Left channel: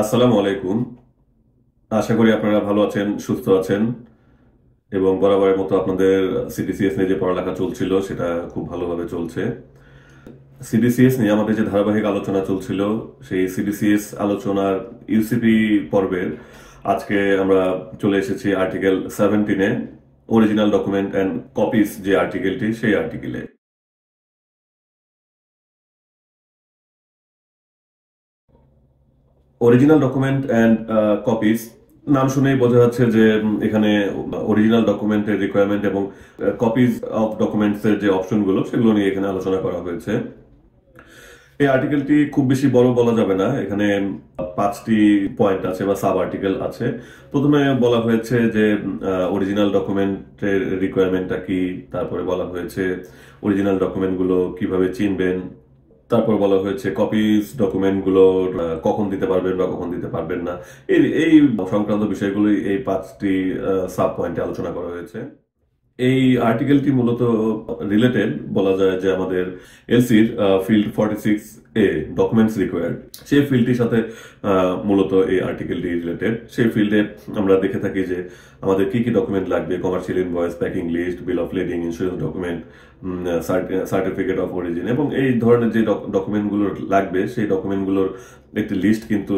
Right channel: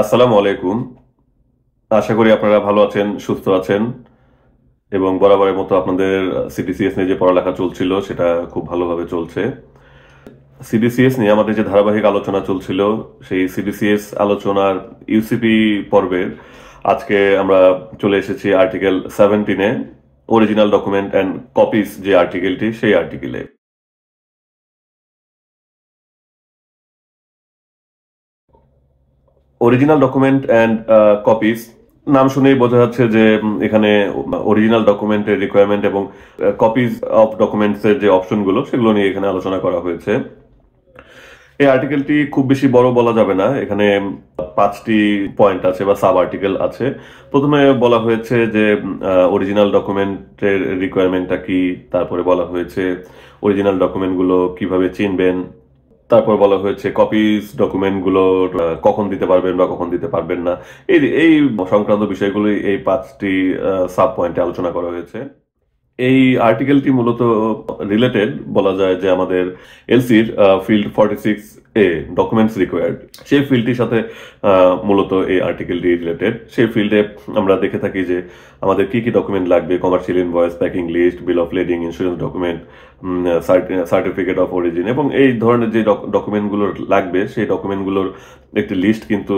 আসসালামু আলাইকুম। আশা করি আপনারা ভালো আছেন, সুস্থ আছেন এবং বরাবরের মতো আপনাদের সিডিসিএস নিয়ে যে পড়ালেখা চলছিল সেটা খুব ভালোভাবে চলছে। সিডিসিএস নিয়ে আমাদের যে ধারাবাহিক আলোচনা চলছিল, সেই সিডিসিএস আলোচনার ইউসিপি পর্বের আজকে আমরা চলে এসেছি আর্টিকেল 17-এ, অরিজিনাল ডকুমেন্ট অ্যান্ড কপিস যে আর্টিকেলটি, সেই আর্টিকেলে। অরিজিনাল ডকুমেন্ট অ্যান্ড কপিস নাম শুনেই বোঝা যাচ্ছে যে এখানে অরিজিনাল ডকুমেন্টের রিকোয়ারমেন্ট এবং কপিজ অফ ডকুমেন্টস এর যে অপশনগুলো সেগুলো নিয়ে এখানে আলোচনা করা হয়েছে। এই আর্টিকেলটি খুব বেশি বড় বলা যাবে না, এখানে 5টি পয়েন্ট আছে বা সাব আর্টিকেল আছে। প্রথমে বলা হয়েছে যে অরিজিনাল ডকুমেন্টের রিকোয়ারমেন্টটা কি, তারপরে বলা হয়েছে অরিজিনাল ডকুমেন্টগুলো কিভাবে চিনবেন, তারপর বলা হয়েছে কপিস ডকুমেন্টগুলো কখন দিতে পারবেন বা কখন দিতে পারবেন না। এই এই সংক্রান্ত বিষয়গুলো এই 5টি সাব পয়েন্টে আলোচনা করা হয়েছে। এই আর্টিকেলটি মূলত রিলেটেড বলা যায় যে আমাদের এলসির ফিল্ড 46A ডকুমেন্টস রিকোয়ার্ড, সেই ফিল্ডটির সাথে মূলত এই আর্টিকেলটি রিলেটেড। সেই ফিল্ডে আমরা দেখে থাকি যে আমাদের কি কি ডকুমেন্ট লাগবে: commercial invoice, packing list, bill of lading, insurance document, certificate of origin, এবং এই ধরনের যে ডকুমেন্টগুলো লাগবে সেই ডকুমেন্টগুলোর একটি লিস্ট কিন্তু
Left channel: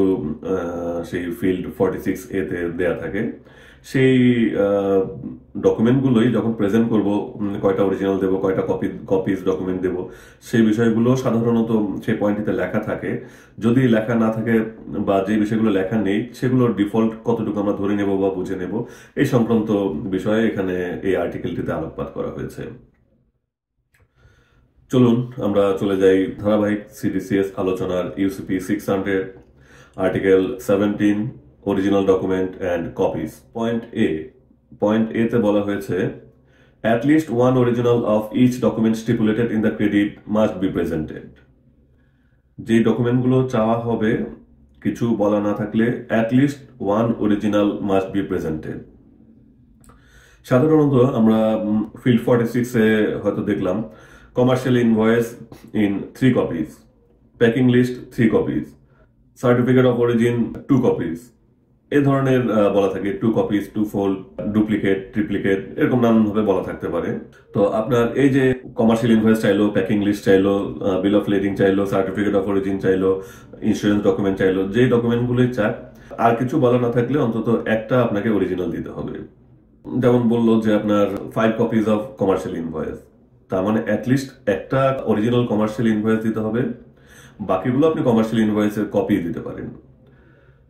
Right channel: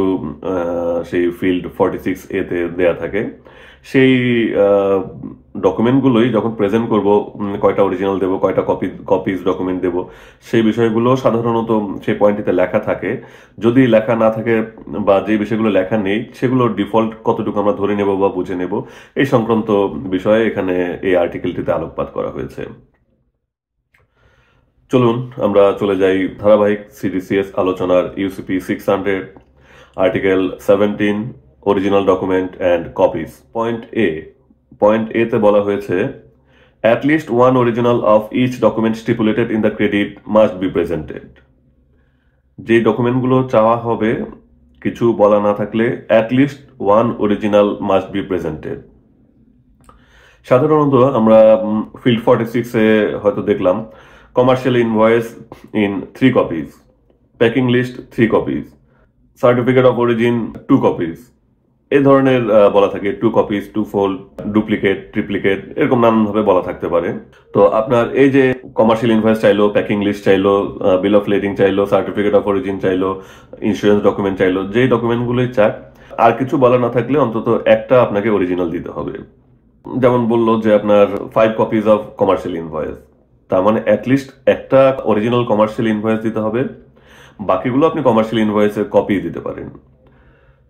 সেই ফিল্ড 46A-তে দেয়া থাকে। সেই ডকুমেন্টগুলোই যখন প্রেজেন্ট করব, কয়টা অরিজিনাল দেবো, কয়টা কপিজ ডকুমেন্ট দেবো, সেই বিষয়গুলো সাধারণত সেই পয়েন্টটিতে লেখা থাকে। যদি লেখা না থাকে বা যে বিষয়গুলো লেখা নেই সেগুলো ডিফল্ট কতটুকু আমরা ধরে নেব বা বুঝে নেব, এই সংক্রান্ত বিষয়ে এখানে এই আর্টিকেলটিতে আলোকপাত করা হয়েছে। চলুন আমরা চলে যাই ধারাবাহিক সিডিসিএস আলোচনার UCP 600 article 17, original document and copies. Point A তে বলা হয়েছে, at least one original of each document stipulated in the credit must be presented. যে ডকুমেন্টগুলো চাওয়া হবে, কিছু বলা না থাকলে at least one original must be presented। সাধারণত আমরা ফিল্ড 46-এ হয়তো দেখলাম commercial invoice in 3 copies, packing list 3 copies, certificate of origin 2 copies, এই ধরনের বলা থাকে 2 কপিজ, 2 ফোল্ড, ডুপ্লিকেট, ট্রিপ্লিকেট, এরকম নানানভাবে বলা থাকতে পারে। তো আপনার এই যে কমার্শিয়াল ইনভয়েস চাইলো, প্যাকিং লিস্ট চাইলো, বিল অফ লেডিং চাইলো, সার্টিফিকেট অফ অরিজিন চাইলো, ইন্স্যুরেন্স ডকুমেন্ট চাইলো, যেই ডকুমেন্টগুলোই চাক, আর কিছু বলা না থাকলে অন্তত একটা আপনাকে অরিজিনাল দিতে হবে। যেমন বললো যে আপনার 5 কপিজ অফ কমার্শিয়াল ইনভয়েস, তার মানে অ্যাটলিস্ট একটা অরিজিনাল কমার্শিয়াল ইনভয়েস দিতে হবে, বাকিগুলো আপনি কমার্শিয়াল ইনভয়েসের কপি দিতে পারেন।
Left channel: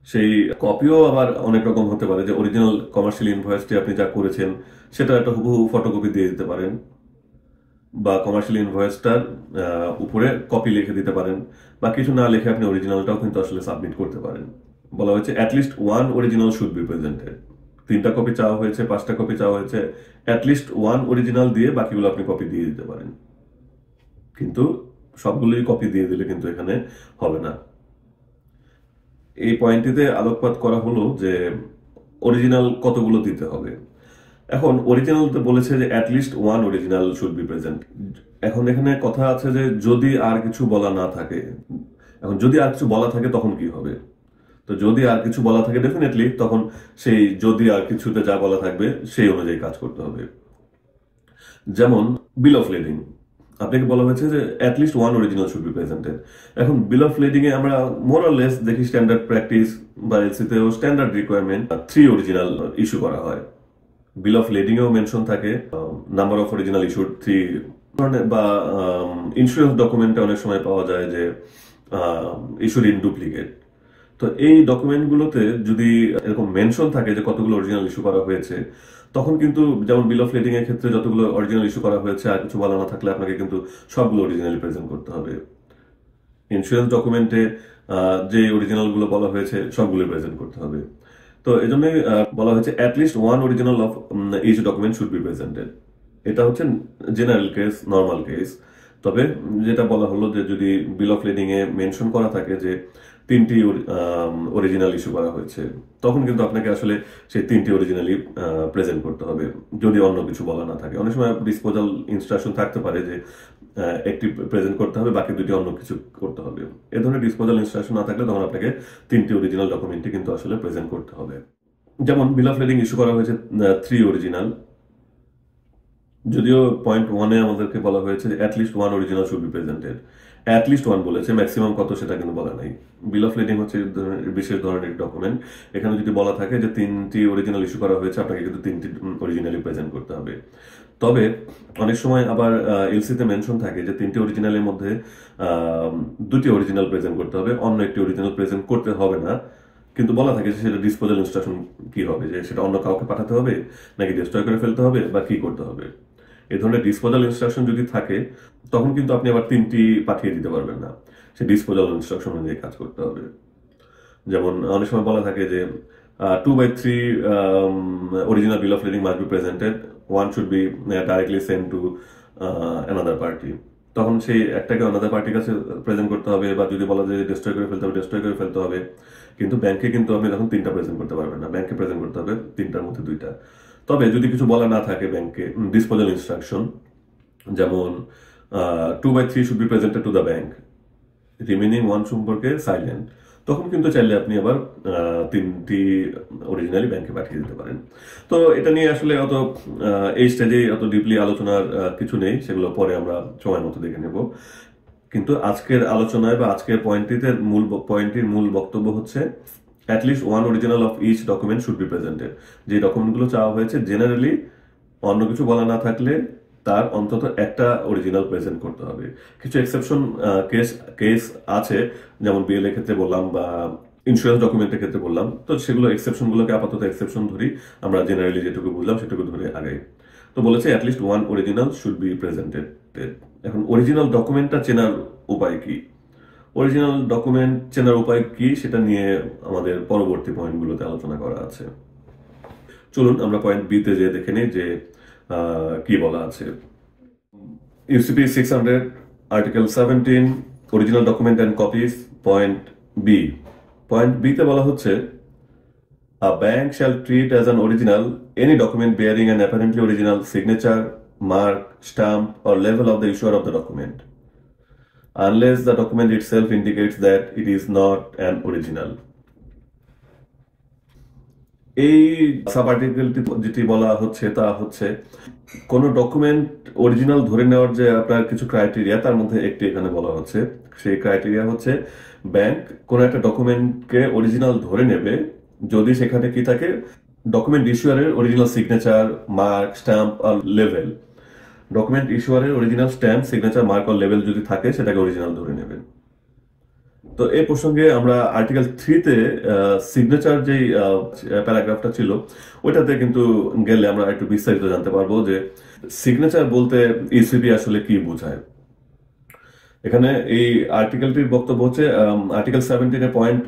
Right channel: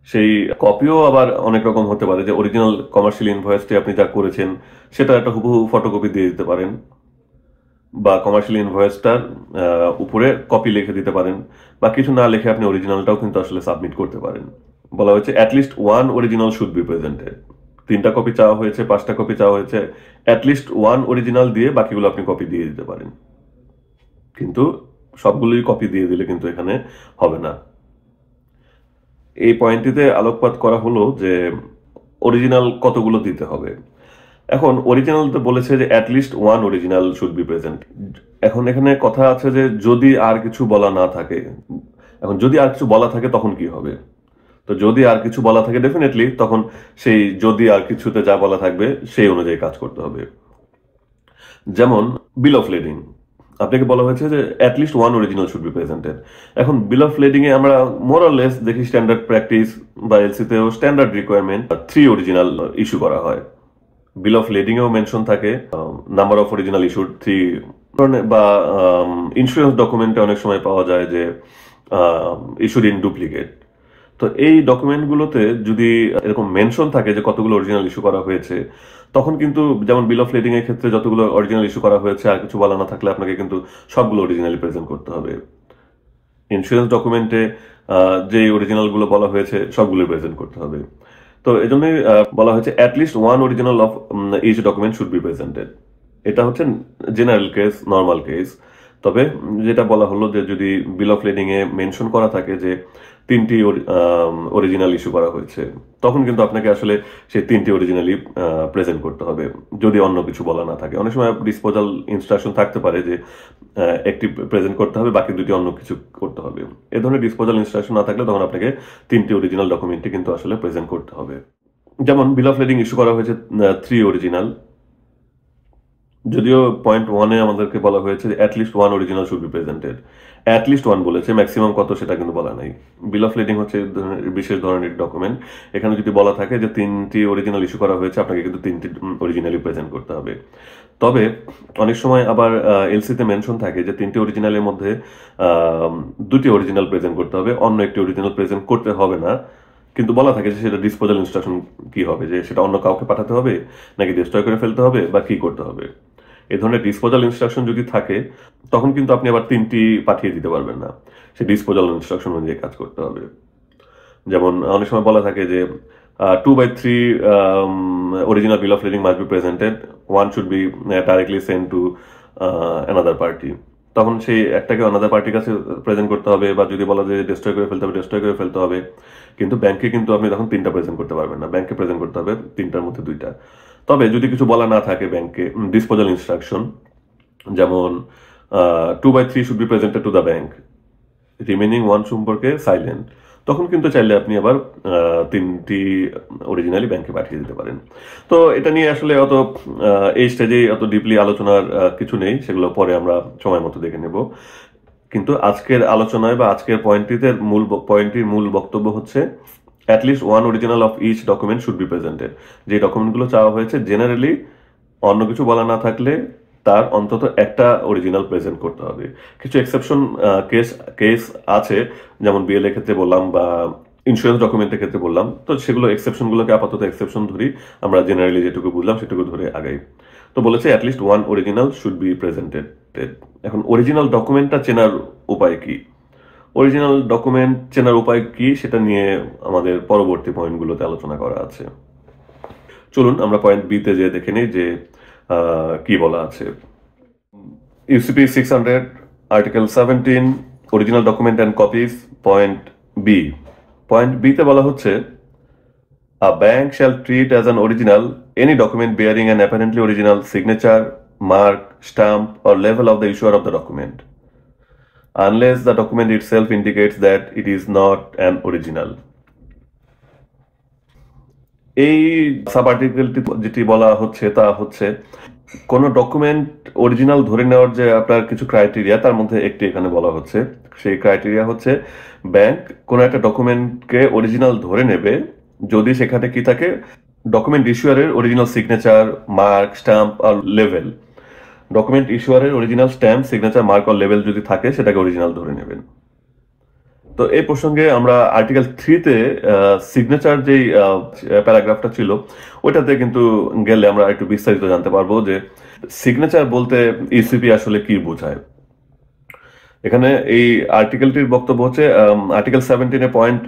সেই কপিও আবার অনেক রকম হতে পারে, যে অরিজিনাল কমার্শিয়াল ইনভয়েসটি আপনি যা করেছেন সেটা একটা হুবহু ফটোকপি দিয়ে দিতে পারেন, বা কমার্শিয়াল ইনভয়েসটার উপরে কপি লিখে দিতে পারেন, বা কিছু না লিখে আপনি অরিজিনালটাও কিন্তু আসলে সাবমিট করতে পারেন। বলা হয়েছে at least one original should be presented. 3টা কপি চাওয়া হয়েছে, 5টা কপি চাওয়া হয়েছে, অ্যাটলিস্ট ওয়ান অরিজিনাল দিয়ে বাকিগুলো আপনি কপি দিয়ে দিতে পারেন। কিন্তু সবগুলোই কপি দিয়ে দিলে কিন্তু এখানে হবে না। এই পয়েন্টটিতে আলোকপাত করা হলো যে অরিজিনাল কতগুলো দিতে হবে। এখন অরিজিনালতে বলেছে যে at least one original should be present. এখন এখানে কথা আছে যে যদি আর কিছু বলা না থাকে, এখন যদি আর কিছু বলা থাকে তখন কি হবে? তো যদি আর কিছু বলা থাকে ডেফিনেটলি তখন সেই যদি আর কিছুতে যা বলা থাকবে সেই অনুযায়ী কাজ করতে হবে। যেমন বিল অফ লেডিং, আপনাকে বলা হয়েছে যে at least one original should be presented. এখন বিল অফ লেডিং এ আমরা মোর অর লেস দেখি স্ট্যান্ডার্ড প্র্যাকটিস বা এলসিতেও স্ট্যান্ডার্ড রিকোয়ারমেন্ট 3 অরিজিনাল ইস্যু করা হয়। বিল অফ লেডিং এও মেনশন থাকে নাম্বার অফ অরিজিনাল ইস্যুড 3, বা ইন্স্যুরেন্স ডকুমেন্টে অনেক সময় পাওয়া যায় যে ইস্যুড ইন ডুপ্লিকেট। তো এই ডকুমেন্টগুলোতে যদি এরকম মেনশন থাকে যে কতগুলো অরিজিনাল ইস্যু করা হয়েছে, তখন কিন্তু যেমন বিল অফ লেডিং এর ক্ষেত্রে যতগুলো অরিজিনাল ইস্যু করা হয়েছে আর কিছু বলা না থাকলে আপনাকে কিন্তু সবগুলো অরিজিনালি প্রেজেন্ট করতে হবে। ইন্স্যুরেন্স ডকুমেন্টে যে অরিজিনালগুলো বলা হয়েছে সবগুলো প্রেজেন্ট করতে হবে। তো এই জন্য বলা হয়েছে at least one original of each document should be presented. এটা হচ্ছে জেনারেল কেস, নর্মাল কেস। তবে যেটা বলা হলো যে যদি বিল অফ লেডিং এ মেনশন করা থাকে যে 3টি অরিজিনাল ইস্যু করা হয়েছে, তখন কিন্তু আপনাকে আসলে সেই 3টি অরিজিনালি প্রেজেন্ট করতে হবে, যদি অন্য কিছু বলা না থাকে। অনেক সময় ডিসপোজাল ইনস্ট্রাকশন থাকতে পারে যে একটি প্রেজেন্ট করতে হবে, বাকি দুটি অন্য কিছু করতে হবে। এ ধরনের ডিসপোজাল ইনস্ট্রাকশন না থাকলে তখন আপনাকে 3টি অরিজিনাল ডকুমেন্টই কিন্তু আসলে প্রেজেন্ট করতে হবে। যেমন বিল অফ লেডিং ইস্যু করা হয়েছে 3 অরিজিনাল, যদিও পয়েন্ট 1-এ আমাদেরকে বলা হয়েছে at least 1 original should be presented. At least 1 বলেছে, ম্যাক্সিমাম কত সেটা কিন্তু বলা নাই। বিল অফ লেডিং হচ্ছে বিশেষ ধরনের ডকুমেন্ট। এখানে যদি বলা থাকে যে 3টি অরিজিনাল ইস্যু করা হয়েছে, আপনাকে কিন্তু 3টি অরিজিনালি প্রেজেন্ট করতে হবে। তবে অনেক সময় আবার এলসিতে মেনশন থাকে যে 3টি অরিজিনালের মধ্যে 2টি অরিজিনাল প্রেজেন্ট করতে হবে, অন্য একটি অরিজিনাল প্রেজেন্ট করতে হবে না। কিন্তু বলা থাকে যে সেটা ডিসপোজাল ইনস্ট্রাকশন কি হবে, যে সেটা অন্য কাউকে পাঠাতে হবে নাকি ডিস্ট্রয় করে ফেলতে হবে বা কি করতে হবে। এই ধরনের ডিসপোজাল ইনস্ট্রাকশন যদি থাকে, তখন কিন্তু আপনি আবার 3টি পাঠিয়ে দিতে পারবেন না, সে ডিসপোজাল ইনস্ট্রাকশন অনুযায়ী কাজ করতে হবে। যেমন অনেক সময় বলা থাকে যে 2/3 original bill of lading must be presented, one should be directly sent to another party। তখন সেই একটাকে অনাদার পার্টির কাছে প্রেজেন্ট করতে হবে, বা যদি বলা যায় ডিস্ট্রয় করে ফেলতে হবে, ডিস্ট্রয় করে ফেলতে হবে। কিন্তু ব্যাংকে কিন্তু আপনি তখন 3টা প্রেজেন্ট করতে পারবেন না, ব্যাংকে প্রেজেন্ট করতে হবে 3টার মধ্যে 2টা। তবে যদি কিছু বলা না থাকে ব্যাংকে, ডিসপোজাল ইনস্ট্রাকশন যেমন 2/3 should be presented to the bank, remaining 1 সম্পর্কে সাইলেন্ট, তখন কিন্তু চাইলে আপনি আবার 3টি অরিজিনালি ব্যাংকে পাঠিয়ে দিতে পারেন। তো এটা নিয়ে আসলে অত এই স্টেজে অত ডিপলি আলোচনার কিছু নেই, সেগুলো পরে আমরা সময় মতো দেখে নেব। কিন্তু আজকের আলোচনায় বা আজকের পয়েন্টটির মূল বক্তব্য হচ্ছে at least 1 original of each document should be presented. যে ডকুমেন্টগুলো চাওয়া হয়েছে জেনারেলি অন্য কিছু বলা না থাকলে তার অন্তত একটা অরিজিনাল প্রেজেন্ট করতে হবে। কিছু এক্সেপশন কেস আছে, যেমন বিএলএ ক্ষেত্রে বললাম বা ইন্স্যুরেন্স ডকুমেন্টের ক্ষেত্রে বললাম। তো সেগুলো এক্সেপশনগুলোকে আপাতত এক্সেপশন ধরি, আমরা জেনারেলি যেটুকু বুঝলাম সেটুকু ধরে আগাই। তো বলেছে at least 1 original should be presented. এখন অরিজিনাল ডকুমেন্টটা চেনার উপায় কি, অরিজিনাল ডকুমেন্ট চেনার উপায় কি সেটা নিয়ে আমাদের পরবর্তী পয়েন্টগুলোতে আলোচনা করা আছে। চলুন আমরা পয়েন্ট বিতে যে দেখে নিই যে কি বলা আছে। UCP 600 article 17 original document and copies, point B. Point বিতে বলা হচ্ছে a bank shall treat as an original any document bearing an apparently original signature, mark, stamp or label of the issuer of the document, unless the document itself indicates that it is not an original। এই sub আর্টিকেলটি যেটি বলা হচ্ছে তা হচ্ছে কোন document original ধরে নেওয়ার যে আপনার কিছু ক্রাইটেরিয়া, তার মধ্যে একটি এখানে বলা হচ্ছে। সেই ক্রাইটেরিয়া হচ্ছে ব্যাংক কোন একটা ডকুমেন্টকে অরিজিনাল ধরে নেবে যদি সেখানে কি থাকে, ডকুমেন্ট ইস্যুয়ারের অরিজিনাল সিগনেচার, মার্ক, স্ট্যাম্প আর লেভেল। ডকুমেন্ট ইস্যুয়ারের অরিজিনাল স্ট্যাম্প, সিগনেচার, মার্ক আর লেভেল যদি থাকে সেটাকে অরিজিনাল ধরে নেবেন। তো এই প্রসঙ্গে আমরা আর্টিকেল 3-তে সিগনেচার যেই প্যারাগ্রাফটা ছিল ওইটাতে কিন্তু গেলে আমরা একটু বিস্তারিত জানতে পারবো যে সিগনেচার বলতে ইসিপি আসলে কি বোঝায়। এখানে এই আর্টিকেলটির বক্তব্য হচ্ছে আর্টিকেল 17-এ পয়েন্ট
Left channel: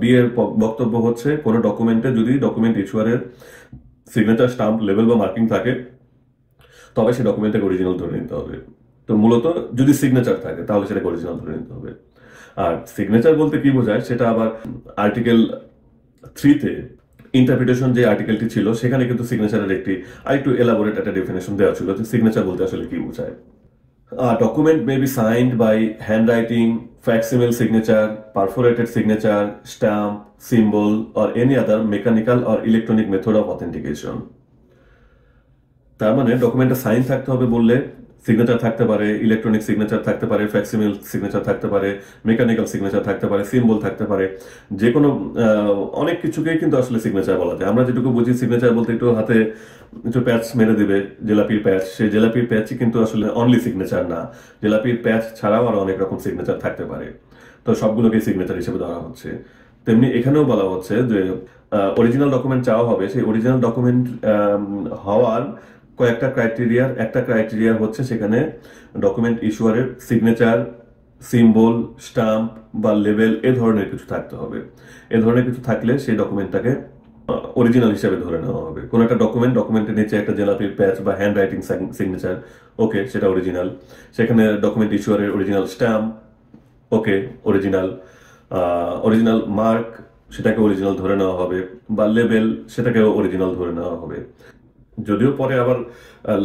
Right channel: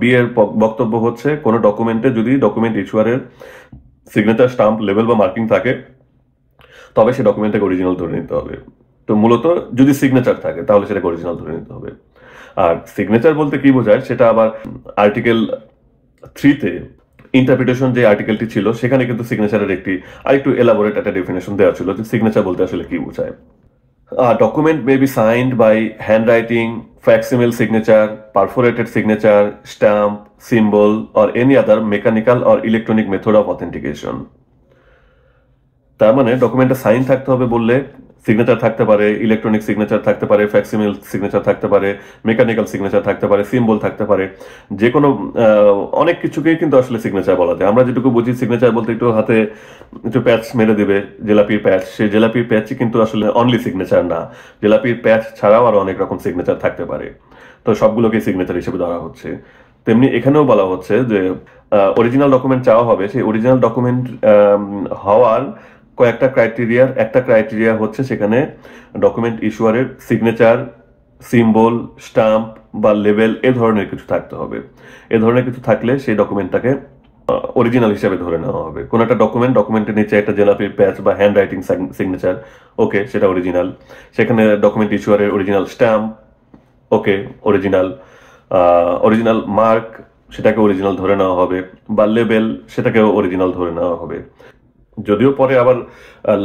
বি এর বক্তব্য হচ্ছে কোন ডকুমেন্টে যদি ডকুমেন্ট ইস্যুয়ারের সিগনেচার, স্টাম্প, লেভেল বা মার্কিং থাকে তবে সে ডকুমেন্টটাকে অরিজিনাল ধরে নিতে হবে। তো মূলত যদি সিগনেচার থাকে তাহলে সেটাকে অরিজিনাল ধরে নিতে হবে। আর সিগনেচার বলতে কি বোঝায় সেটা আবার আর্টিকেল 3-তে ইন্টারপ্রিটেশন যে আর্টিকেলটি ছিল সেখানে কিন্তু সিগনেচারের একটি আরেকটু এলাবোরেট একটা ডেফিনেশন দেওয়া ছিল যে সিগনেচার বলতে আসলে কি বোঝায়। Document may be signed by handwriting, facsimile signature, perforated signature, stamp, symbol or any other mechanical or electronic method of authentication। তার মানে ডকুমেন্টে সাইন থাকতে হবে বললে সিগনেচার থাকতে পারে, ইলেকট্রনিক সিগনেচার থাকতে পারে, ফ্যাক্সিমিল সিগনেচার থাকতে পারে, মেকানিক্যাল সিগনেচার থাকতে পারে, সিম্বল থাকতে পারে, যে কোনো অনেক কিছুকেই কিন্তু আসলে সিগনেচার বলা যায়। আমরা যেটুকু বুঝি সিগনেচার বলতে একটু হাতে একটু প্যাচ মেরে দিবে, জেলাপির প্যাচ, সেই জেলাপির প্যাচই কিন্তু আসলে অনলি সিগনেচার না, জেলাপির প্যাচ ছাড়াও আরো অনেক রকম সিগনেচার থাকতে পারে। তো সবগুলোকে সিগনেচার হিসেবে ধরা হচ্ছে। তেমনি এখানেও বলা হচ্ছে যে অরিজিনাল ডকুমেন্ট চাওয়া হবে, সেই অরিজিনাল ডকুমেন্ট হওয়ার কয়েকটা ক্রাইটেরিয়ার একটা ক্রাইটেরিয়া হচ্ছে সেখানে ডকুমেন্ট ইস্যুয়ারের সিগনেচার, সিম্বল, স্টাম্প বা লেভেল এ ধরনের কিছু থাকতে হবে। এ ধরনের কিছু থাকলে সেই ডকুমেন্টটাকে অরিজিনাল হিসেবে ধরে নেওয়া হবে। কোন একটা ডকুমেন্টের নিচে একটা জেলাপির প্যাচ বা হ্যান্ড রাইটিং সিগনেচার, ওকে, সেটা অরিজিনাল। সেখানে ডকুমেন্ট ইস্যুয়ারের অরিজিনাল স্ট্যাম্প, ওকে, অরিজিনাল। অরিজিনাল মার্ক, সেটাকে অরিজিনাল ধরে নেওয়া হবে, বা লেবেল, সেটাকেও অরিজিনাল ধরে নেওয়া হবে। যদিও পরে আবার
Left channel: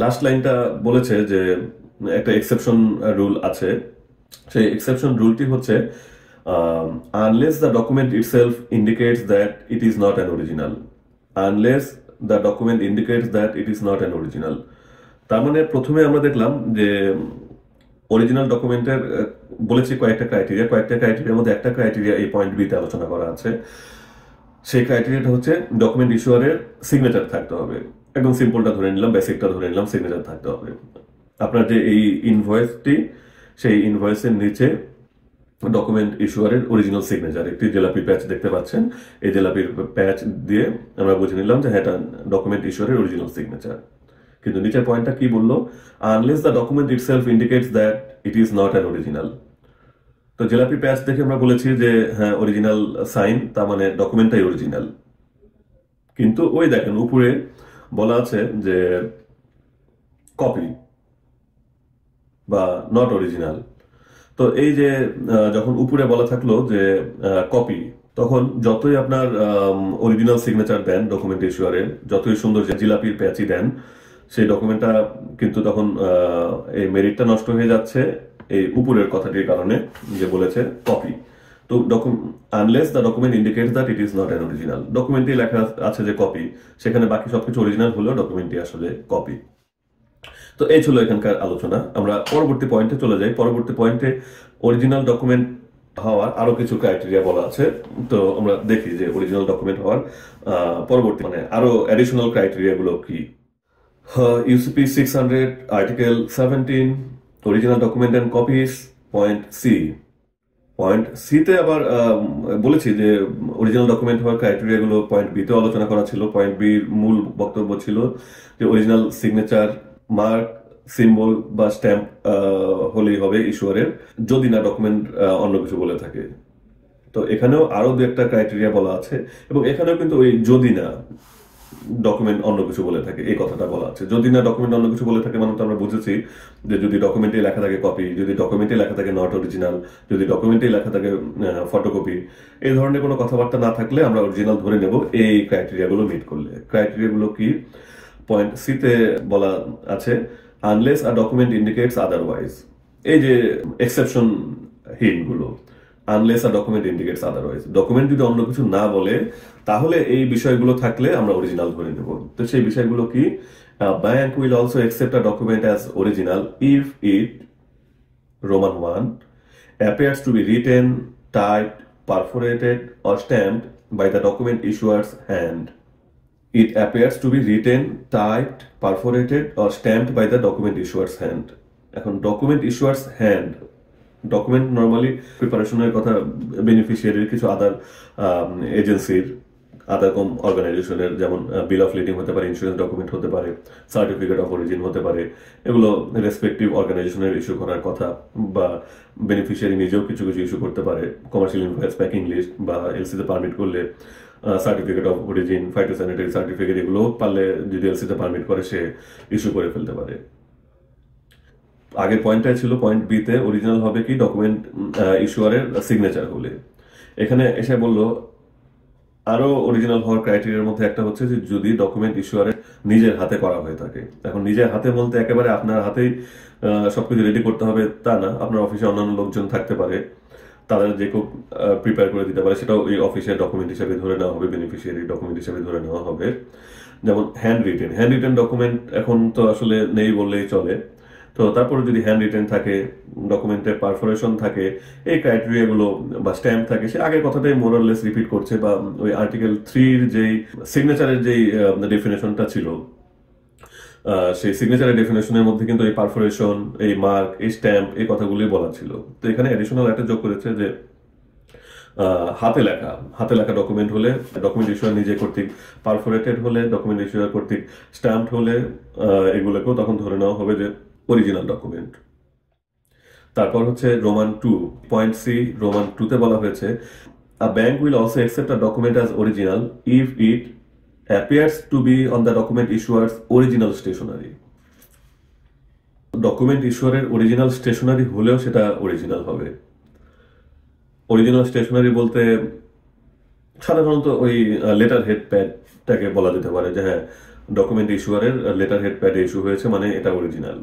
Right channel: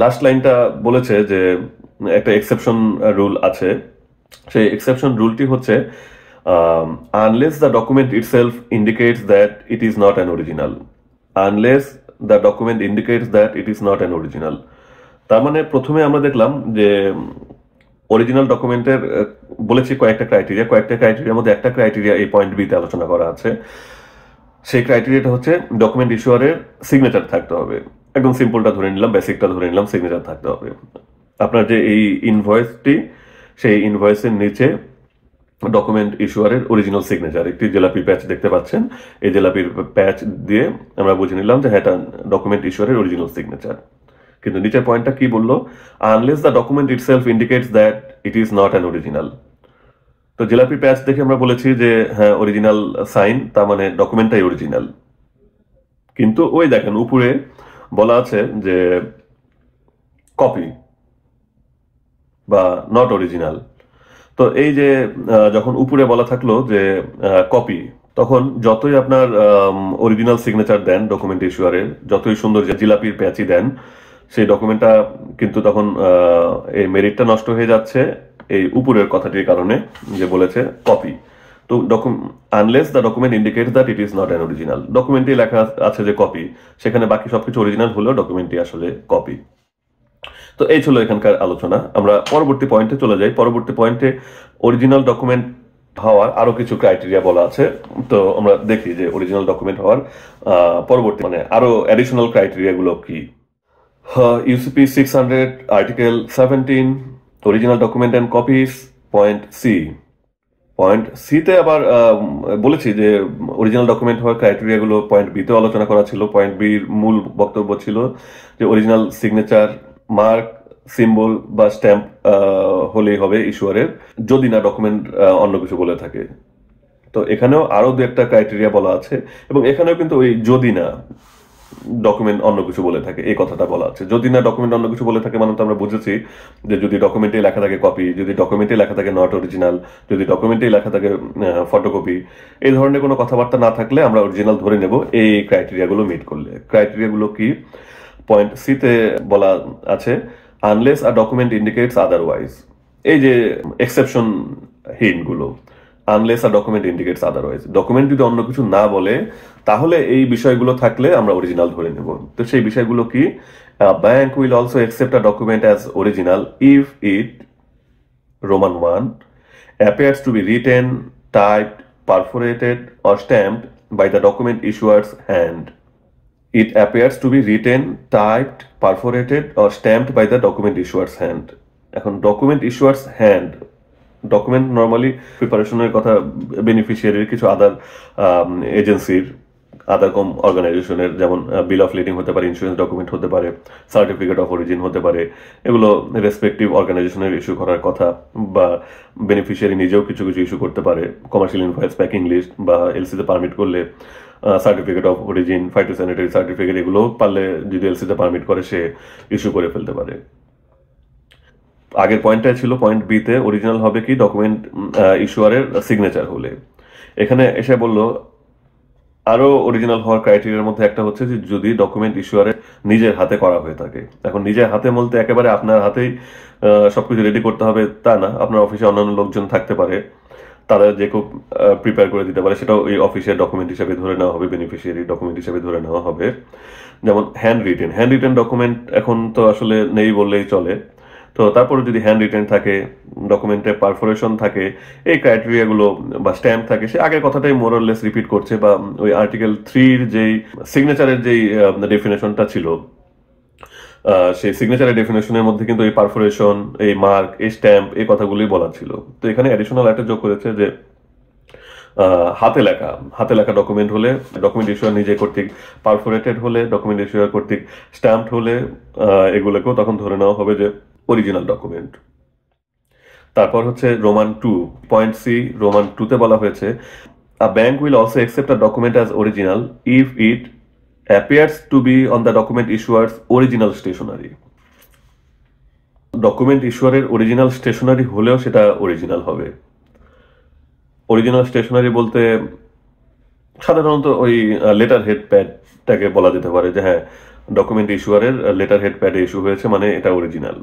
লাস্ট লাইনটা বলেছে যে একটা এক্সেপশন রুল আছে। সেই এক্সেপশন রুলটি হচ্ছে unless the document itself indicates that it is not an original. Unless the document indicates that it is not an original. তার মানে প্রথমে আমরা দেখলাম যে অরিজিনাল ডকুমেন্টের বলেছি কয়েকটা ক্রাইটেরিয়ার মধ্যে একটা ক্রাইটেরিয়া এই পয়েন্ট বিতে আলোচনা করা আছে। সেই ক্রাইটেরিয়াটা হচ্ছে ডকুমেন্ট ইস্যুয়ারের সিগনেচার থাকতে হবে। একদম সিম্পলটা ধরে নিলাম, বেসিকটা ধরে নিলাম, সিগনেচার থাকতে হবে। আপনার যে এই ইনভয়েসটি, সেই ইনভয়েসের নিচে ডকুমেন্ট ইস্যুয়ারের অরিজিনাল সিগনেচার, একটি জেলাপি প্যাচ দেখতে পাচ্ছেন। এই জেলাপির প্যাচ দিয়ে আমরা বুঝে নিলাম যে এটা ডকুমেন্ট ইস্যুয়ারের অরিজিনাল সিগনেচার। কিন্তু নিচের পয়েন্টটা কি বললো? Unless the document itself indicates that it is not an original. তো জেলাপি প্যাচ দেখে আমরা বলেছি যে হ্যাঁ অরিজিনাল সাইন, তার মানে ডকুমেন্টটাই অরিজিনাল। কিন্তু ওই দেখেন উপরে বলা আছে যে কপি বা নট অরিজিনাল। তো এই যে যখন উপরে বলা থাকলো যে কপি, তখন যতই আপনার অরিজিনাল সিগনেচার দেন ডকুমেন্ট ইস্যুয়ারের, যতই সুন্দর যে জিলাপির প্যাচই দেন, সেই ডকুমেন্টটা কিন্তু তখন এই মেরিটটা নষ্ট হয়ে যাচ্ছে এই উপরের কথাটির কারণে, যে বলেছে কপি। তো unless the document indicates that it is not an original. ডকুমেন্টে লেখা আছে যে কপি, সেখানে বাকি সবকিছু অরিজিনাল হলেও ডকুমেন্টটি আসলে কপি। তো এই ছিল এখানকার আলোচনা। আমরা পরবর্তী পয়েন্টে চলে যাই। পরবর্তী পয়েন্টে অরিজিনাল ডকুমেন্ট হওয়ার আরো কিছু ক্রাইটেরিয়া বলা আছে। তো আমরা দেখি যে অরিজিনাল ডকুমেন্ট হওয়ার পরবর্তী মানে আরো অ্যাডিশনাল ক্রাইটেরিয়া গুলো কি। UCP 600 article 17 original document and copies, point C. Point সিতে আবার বলেছি যে অরিজিনাল ডকুমেন্ট হওয়ার ক্রাইটেরিয়া গুলো পয়েন্ট বিতে আলোচনা করা ছিল। পয়েন্ট বির মূল বক্তব্য ছিল যে অরিজিনাল সিগনেচার, মার্ক, সিম্বল বা স্ট্যাম্প হলেই হবে ইস্যুয়ারের, যদি না ডকুমেন্ট অন্য কিছু বলে থাকে। তো এখানেও আরো দু একটা ক্রাইটেরিয়া বলা আছে, এবং এখানেও কিন্তু ওই যদি না ডকুমেন্ট অন্য কিছু বলে থাকে এই কথাটা বলা আছে। যদি না ডকুমেন্ট অন্য কিছু বলে থাকে মানে তো আমরা বুঝেছি যে যদি ডকুমেন্টে লেখা থাকে কপি, যদি ডকুমেন্টে লেখা থাকে নট অরিজিনাল, যদি ডকুমেন্টে লেখা থাকে ফটোকপি, এই ধরনের কোনো কথাবার্তা না থাকলে আমরা অরিজিনাল ধরে নেব এই ক্রাইটেরিয়াগুলো মিট করলে। ক্রাইটেরিয়াগুলো কি? পয়েন্ট সিতে বলা আছে আনলেস আ ডকুমেন্ট ইন্ডিকেটস আদারওয়াইজ। এই যে এক্সেপশন হিন্টগুলো, আনলেস আ ডকুমেন্ট ইন্ডিকেটস আদারওয়াইজ, ডকুমেন্ট যদি অন্য কিছু না বলে তাহলে এই বিষয়গুলো থাকলে আমরা অরিজিনাল ধরে নেব। তো সেই বিষয়গুলো কি? Bank will also accept a document as original if it Roman 1 appears to be written, typed, perforated or stamped by the document issuer's hand. It appears to be written, typed, perforated or stamped by the document issuer's hand. এখন document ইস্যুয়ার্স hand, document normally প্রিপারেশনের কথা বেনিফিশিয়ারির কিছু আদার এজেন্সির, আদার কম অর্গানাইজেশনের, যেমন বিল of leading হতে পারে, insurance document হতে পারে, সার্টিফিকেট অফ অরিজিন হতে পারে। এগুলো রেসপেক্টিভ অর্গানাইজেশনের ইস্যু করার কথা, বা বেনিফিশিয়ারি নিজেও কিছু কিছু ইস্যু করতে পারে। কমার্শিয়াল ইনভয়েস, প্যাকিং লিস্ট বা এলসিতে পারমিট করলে certificate of origin, phytosanitary certificate, এগুলো পারলে যদি এলসিতে পারমিট করে সে ইস্যু করে ফেলতে পারে। আগের পয়েন্টটাই ছিল পয়েন্ট বিতে অরিজিনাল হবে কি? ডকুমেন্ট ইস্যুয়ারের সিগনেচার হলে। এখানে এসে বললো আরো অরিজিনাল হওয়ার ক্রাইটেরিয়ার মধ্যে একটা হচ্ছে যে যদি ডকুমেন্ট ইস্যুয়ারে নিজের হাতে করা হয়ে থাকে। এখন নিজের হাতে বলতে একেবারে আপনার হাতেই সবকিছু রেডি করতে হবে তা না। আপনার অফিসে অন্যান্য লোকজন থাকতে পারে, তাদের যে খুব প্রিপেয়ার করে দিতে পারে, সেটাও এই অফিসের ডকুমেন্ট হিসেবে ধরে নেওয়া হবে, বেনিফিশিয়ারি ডকুমেন্ট হিসেবে ধরে নেওয়া হবে। যেমন হ্যান্ড রিটেন ডকুমেন্ট এখন তো আসলে নেই বললেই চলে। তো তারপরে যদি হ্যান্ড রিটেন থাকে, ডকুমেন্টে পারফোরেশন থাকে, এই ক্রাইটেরিয়াগুলো বা স্ট্যাম্প থাকে, সে আগের কথাটাই মোরলেস রিপিট করছে। বা ওই আর্টিকেল 3-র যেই সিগনেচারের যেই ডেফিনেশনটা ছিল, সেই সিগনেচারের ডেফিনেশনের মধ্যে কিন্তু এই পারফোরেশন, এই মার্ক, এই স্ট্যাম্প, এই কথাগুলোই বলা ছিল। তো এখানে অ্যাডিশনাল একটা যোগ করেছে যে হাতে লেখা ডকুমেন্ট হলে, ডকুমেন্ট ইস্যুয়ার নিজে কর্তৃক পারফোরেটেড হলে, ডকুমেন্ট ইস্যুয়ার কর্তৃক স্ট্যাম্পড হলে, এগুলোকেও তখন ধরে নেওয়া হবে যে অরিজিনাল ডকুমেন্ট। তারপর হচ্ছে রোমান 2, পয়েন্ট সি, রোমান 2তে বলা হয়েছে a bank will also accept a document as original if it appears to be on the document issuer's original stationery. Document ইস্যুয়ারের অরিজিনাল স্টেশনারি হলেও সেটা অরিজিনাল হবে। অরিজিনাল স্টেশনারি বলতে সাধারণত ওই লেটার হেড প্যাডটাকে বলা যেতে পারে যে হ্যাঁ, ডকুমেন্ট ইস্যুয়ারের লেটার হেড প্যাডে ইস্যু হয়েছে মানে এটা অরিজিনাল।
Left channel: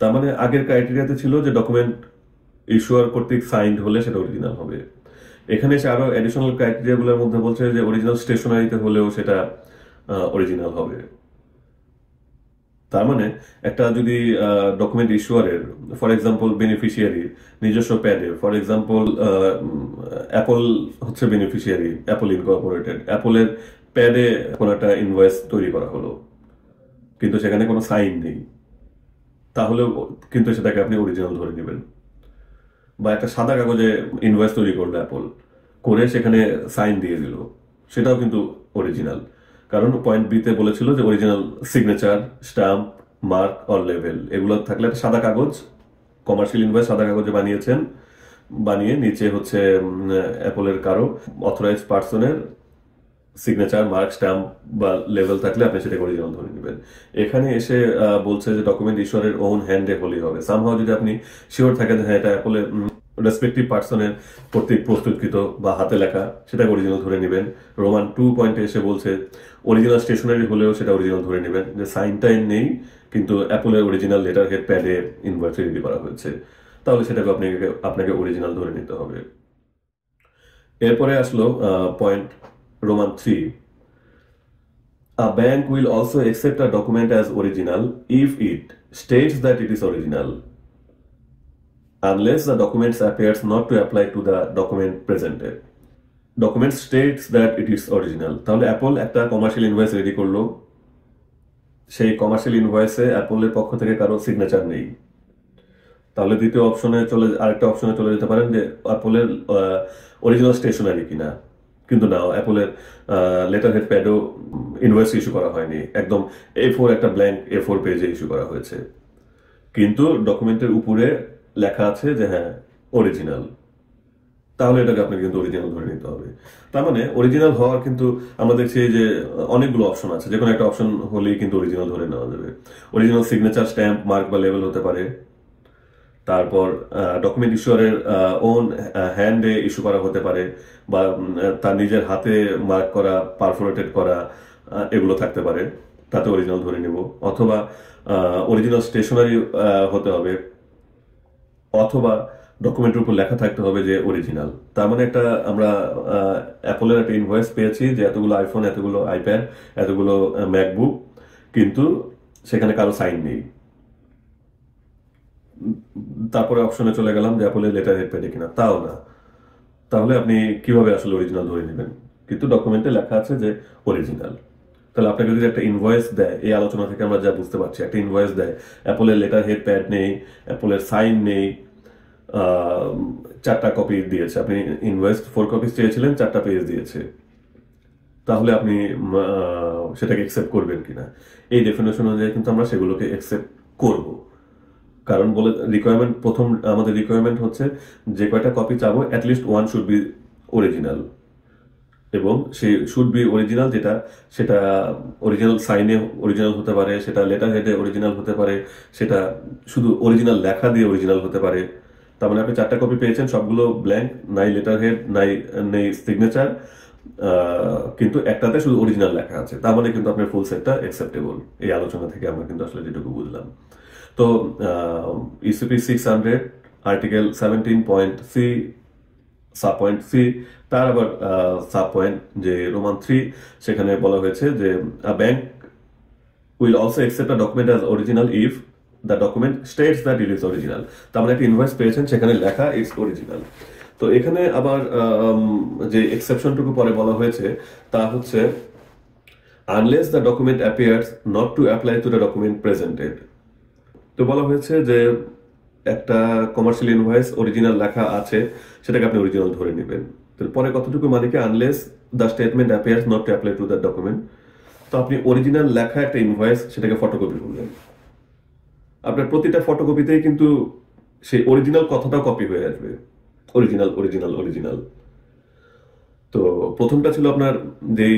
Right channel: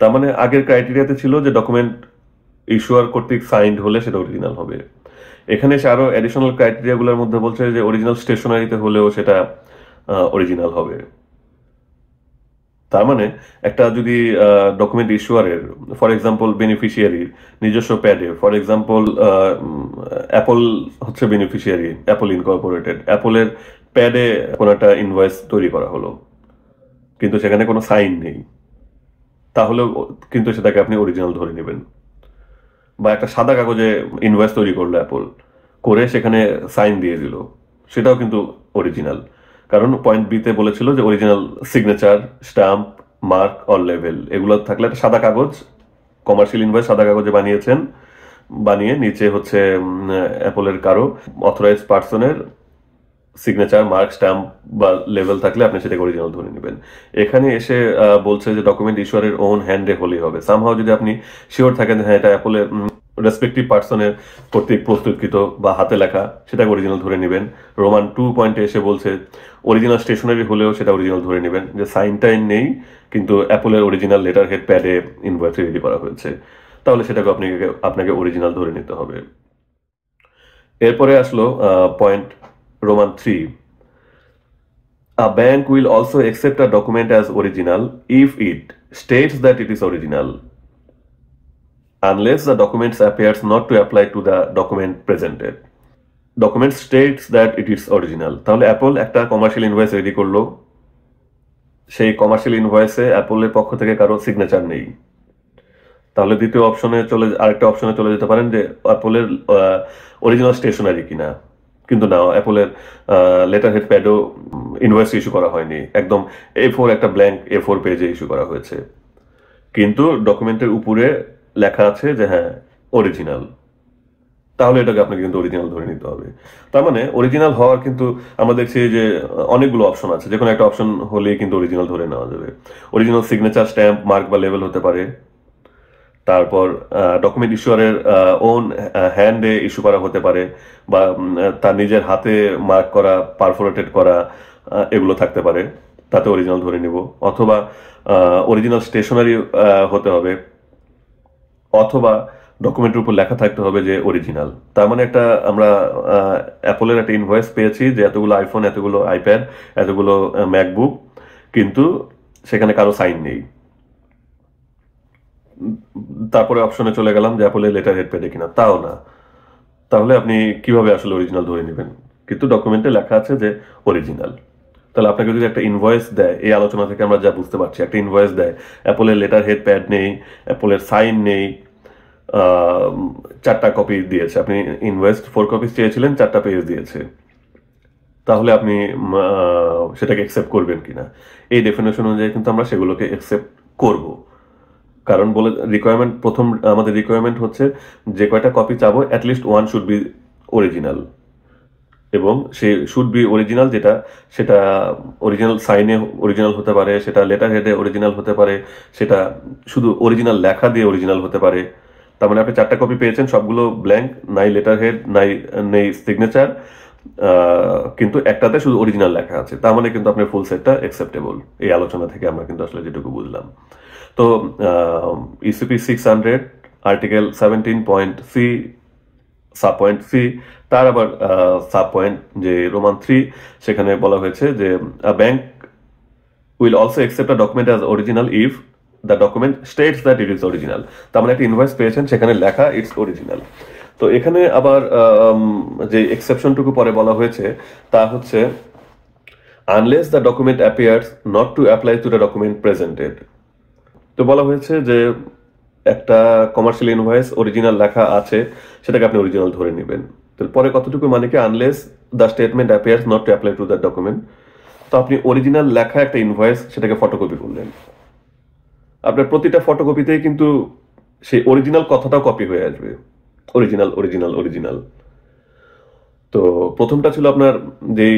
তার মানে আগের ক্রাইটেরিয়াতে ছিল যে ডকুমেন্ট ইস্যুয়ার কর্তৃক সাইন্ড হলে সেটা অরিজিনাল হবে। এখানে এসে আরো অ্যাডিশনাল ক্রাইটেরিয়াগুলোর মধ্যে বলছে যে অরিজিনাল স্টেশনারিতে হলেও সেটা অরিজিনাল হবে। তার মানে একটা যদি ডকুমেন্ট ইস্যুয়ারের ফর এক্সাম্পল বেনিফিশিয়ারির নিজস্ব প্যাডে, ফর এক্সাম্পল অ্যাপল হচ্ছে বেনিফিশিয়ারি, অ্যাপল ইনকর্পোরেটেড, অ্যাপলের প্যাডে কোনো একটা ইনভয়েস তৈরি করা হলো কিন্তু সেখানে কোনো সাইন নেই, তাহলেও কিন্তু সেটাকে আপনি অরিজিনাল ধরে নেবেন। বা একটা সাদা কাগজে ইনভয়েস তৈরি করলো অ্যাপল, করে সেখানে সাইন দিয়ে দিল, সেটাও কিন্তু অরিজিনাল। কারণ পয়েন্ট বিতে বলেছিল যে original signature, stamp, mark or level এগুলো থাকলে একটা সাদা কাগজ, কমার্শিয়াল ইনভয়েস সাদা কাগজে বানিয়েছেন, বানিয়ে নিচে হচ্ছে অ্যাপলের কারো অথরাইজ পার্সনের সিগনেচার, মার্ক, স্ট্যাম্প বা লেভেল থাকলে আপনি সেটাকে অরিজিনাল ধরে নেবেন। এখানে এসে বলছে যে ডকুমেন্ট ইস্যুয়ারের ওন হ্যান্ডে হলেই হবে। সামহাও যদি আপনি শিওর থাকেন হ্যাঁ এটা অ্যাপলের রেসপেক্টিভ পার্সনের কর্তৃক প্রস্তুতকৃত বা হাতে লেখা, সেটাকে অরিজিনাল ধরে নেবেন। রোমান 2 পয়েন্টে এসে বলছে অরিজিনাল স্টেশনারি হলেও সেটা অরিজিনাল ধরে নেবেন, যে সাইন টাইন নেই কিন্তু অ্যাপলের অরিজিনাল লেটার হেড প্যাডে ইনভয়েস রেডি করা হয়েছে, তাহলে সেটাকে আপনাকে অরিজিনাল ধরে নিতে হবে। এরপরে আসলো point Roman 3, a bank will also accept a document as original if it states that it is original, unless the document appears not to apply to the document presented. Document states that it is original. তাহলে Apple একটা commercial invoice ready করলো, সেই commercial ইনভয়েসে অ্যাপলের পক্ষ থেকে কারো signature নেই, তাহলে আরেকটা অপশনে চলে যেতে পারেন যে অ্যাপলের অরিজিনাল স্টেশনারি কিনা। কিন্তু না, অ্যাপলের লেটার হেড প্যাডও ইনভয়েস ইস্যু করা হয়নি, একদম A4 একটা ব্ল্যাঙ্ক A4 পেজে ইস্যু করা হয়েছে, কিন্তু ডকুমেন্টের উপরে লেখা আছে যে হ্যাঁ অরিজিনাল, তাহলে এটাকে আপনাকে কিন্তু অরিজিনাল ধরে নিতে হবে। তার মানে অরিজিনাল হওয়ার কিন্তু আমরা দেখছি যে অনেকগুলো অপশন আছে, যে কোনো একটা অপশন হলেই কিন্তু অরিজিনাল ধরে নেওয়া যাবে। অরিজিনাল সিগনেচার, স্ট্যাম্প, মার্ক বা লেভেল হতে পারে, তারপর ডকুমেন্ট ইস্যুয়ারের ওন হ্যান্ডে ইস্যু করা হতে পারে, বা তার নিজের হাতে মার্ক করা, পারফোরেটেড করা, এগুলো থাকতে পারে, তাতে অরিজিনাল ধরে নেব। অথবা অরিজিনাল স্টেশনারি হতে হবে, অথবা ডকুমেন্টের উপর লেখা থাকতে হবে যে অরিজিনাল। তার মানে আমরা অ্যাপলের একটা ইনভয়েস পেয়েছি যে এতগুলো আইফোন, এতগুলো আইপ্যাড, এতগুলো ম্যাকবুক, কিন্তু সেখানে কারো সাইন নেই। তারপরে অপশনে চলে গেলাম যে অ্যাপলের লেটার হেড প্যাডে কিনা, তাও না, তাহলে আপনি কিভাবে আসলে অরিজিনাল ধরে নেবেন? কিন্তু ডকুমেন্টে লেখা আছে যে অরিজিনাল। তাহলে আপনাকে যদি একটা ইনভয়েস দেয়, এই আলোচনা থেকে আমরা যা বুঝতে পারছি, একটা ইনভয়েস দেয়, অ্যাপলের লেটার হেড প্যাড নেই, অ্যাপলের সাইন নেই, 4টা কপি দিয়েছে, আপনি ইনভয়েস 4 কপিস চেয়েছিলেন, 4টা পেজ দিয়েছে, তাহলে আপনি সেটাকে অ্যাকসেপ্ট করবেন কিনা? এই ডেফিনেশন অনুযায়ী কিন্তু আমরা সেগুলোকে অ্যাকসেপ্ট করব। কারণ আমাদের রিকোয়ারমেন্ট হচ্ছে যে কয়টা কপি চাবো অ্যাটলিস্ট 1 শুড বি অরিজিনাল, এবং সে শুড বি অরিজিনাল সেটা অরিজিনাল সাইনে অরিজিনাল হতে পারে, সেটা লেটার হেডে অরিজিনাল হতে পারে, সেটা শুধু অরিজিনাল লেখা দিয়ে অরিজিনাল হতে পারে। তার মানে আপনি 4টা কপি পেয়েছেন, সবগুলো ব্ল্যাঙ্ক, নাই লেটার হেড, নেই সিগনেচার, কিন্তু একটাতে শুধু অরিজিনাল লেখা আছে, তার মানে কিন্তু আপনার ফুল সেটটা অ্যাকসেপ্টেবল। এই আলোচনা থেকে আমরা কিন্তু আসলে যেটুকু বুঝলাম। তো UCP 600 article 17.c sub point C, তার আবার সাব পয়েন্ট যে রোমান 3, সেখানে বলা হয়েছে যে bank will also accept a document as original if the document states that it is original. তার মানে একটা ইনভয়েস পেয়েছেন, সেখানে লেখা ইটস অরিজিনাল। তো এখানে আবার যে এক্সেপশনটুকু পরে বলা হয়েছে তা হচ্ছে unless the document appears not to apply to the document presented. তো বলা হয়েছে যে একটা কমার্শিয়াল ইনভয়েস অরিজিনাল লেখা আছে, সেটাকে আপনি অরিজিনাল ধরে নেবেন। পরে কতটুকু মানে কি, unless the statement appears not to apply to the document. তো আপনি অরিজিনাল লেখা একটা ইনভয়েস, সেটাকে ফটোকপি করলেন, আপনার প্রতিটা ফটোকপিতেই কিন্তু সেই অরিজিনাল কথাটাও কপি হয়ে আসবে, অরিজিনাল অরিজিনাল অরিজিনাল। তো প্রথমটা ছিল আপনার যেই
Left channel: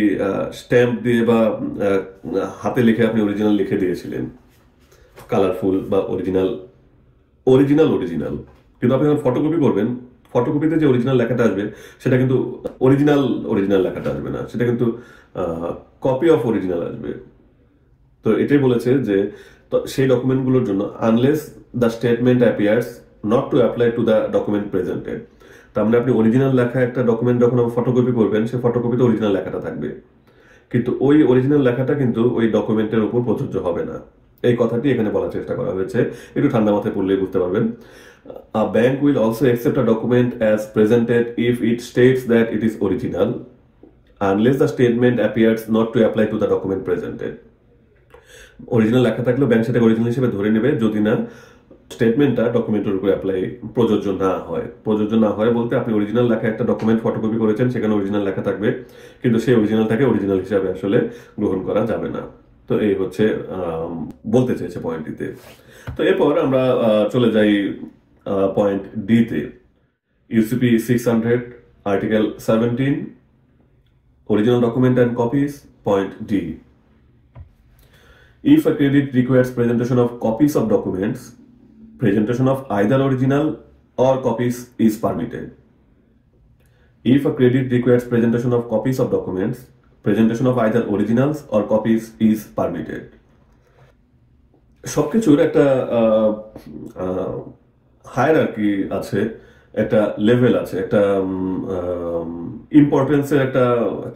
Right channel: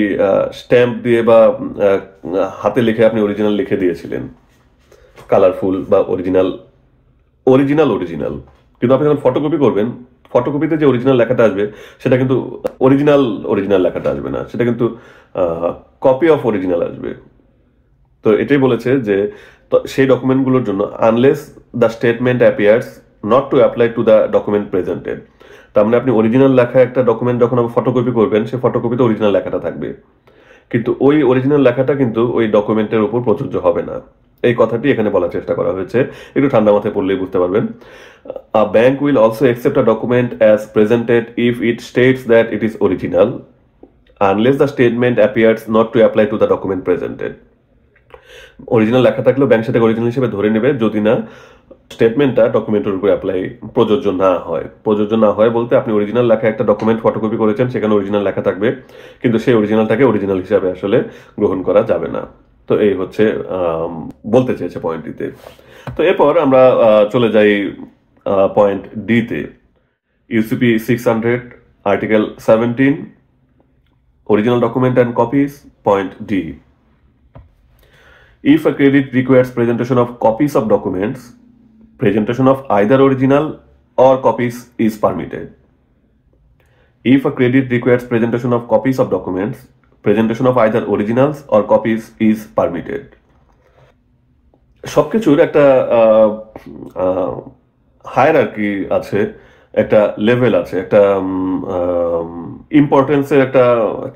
স্ট্যাম্প দিয়ে বা হাতে লিখে আপনি অরিজিনাল লিখে দিয়েছিলেন, কালারফুল বা অরিজিনাল অরিজিনাল অরিজিনাল। কিন্তু আপনি যখন ফটোকপি করবেন, ফটোকপিতে যে অরিজিনাল লেখাটা আসবে সেটা কিন্তু অরিজিনাল অরিজিনাল লেখাটা আসবে না, সেটা কিন্তু কপি অফ অরিজিনাল আসবে। তো এটাই বলেছে যে সেই ডকুমেন্টগুলোর জন্য unless the statement appears not to apply to the document presented, তার মানে আপনি অরিজিনাল লেখা একটা ডকুমেন্ট যখন ফটোকপি করবেন, সেই ফটোকপিতে অরিজিনাল লেখাটা থাকবে, কিন্তু ওই অরিজিনাল লেখাটা কিন্তু ওই ডকুমেন্টের উপর প্রযোজ্য হবে না। এই কথাটি এখানে বলার চেষ্টা করা হয়েছে, একটু ঠান্ডা মাথায় পড়লেই বুঝতে পারবেন। A bank will also accept a document as presented if it states that it is original unless the statement appears not to apply to the document presented. Original লেখা থাকলেও ব্যাংক সেটাকে অরিজিনাল হিসেবে ধরে নেবে যদি না স্টেটমেন্টটা ডকুমেন্টের উপর অ্যাপ্লাই প্রযোজ্য না হয়। প্রযোজ্য না হয় বলতে আপনি অরিজিনাল লেখা একটা ডকুমেন্ট ফটোকপি করেছেন, সেখানে অরিজিনাল লেখা থাকবে, কিন্তু সেই অরিজিনালটাকে অরিজিনাল হিসাবে আসলে গ্রহণ করা যাবে না। তো এই হচ্ছে বলতে চেয়েছে পয়েন্টটিতে। তো এরপর আমরা চলে যাই পয়েন্ট ডিতে। UCP 600 article 17 original document and copies. Point D, if a credit requires presentation of copies of documents, presentation of either original or copies is permitted. If a credit requires presentation of copies of documents, presentation of either originals or copies is permitted. সবকিছুর একটা hierarchy আছে, একটা level আছে, একটা ইম্পর্টেন্সের একটা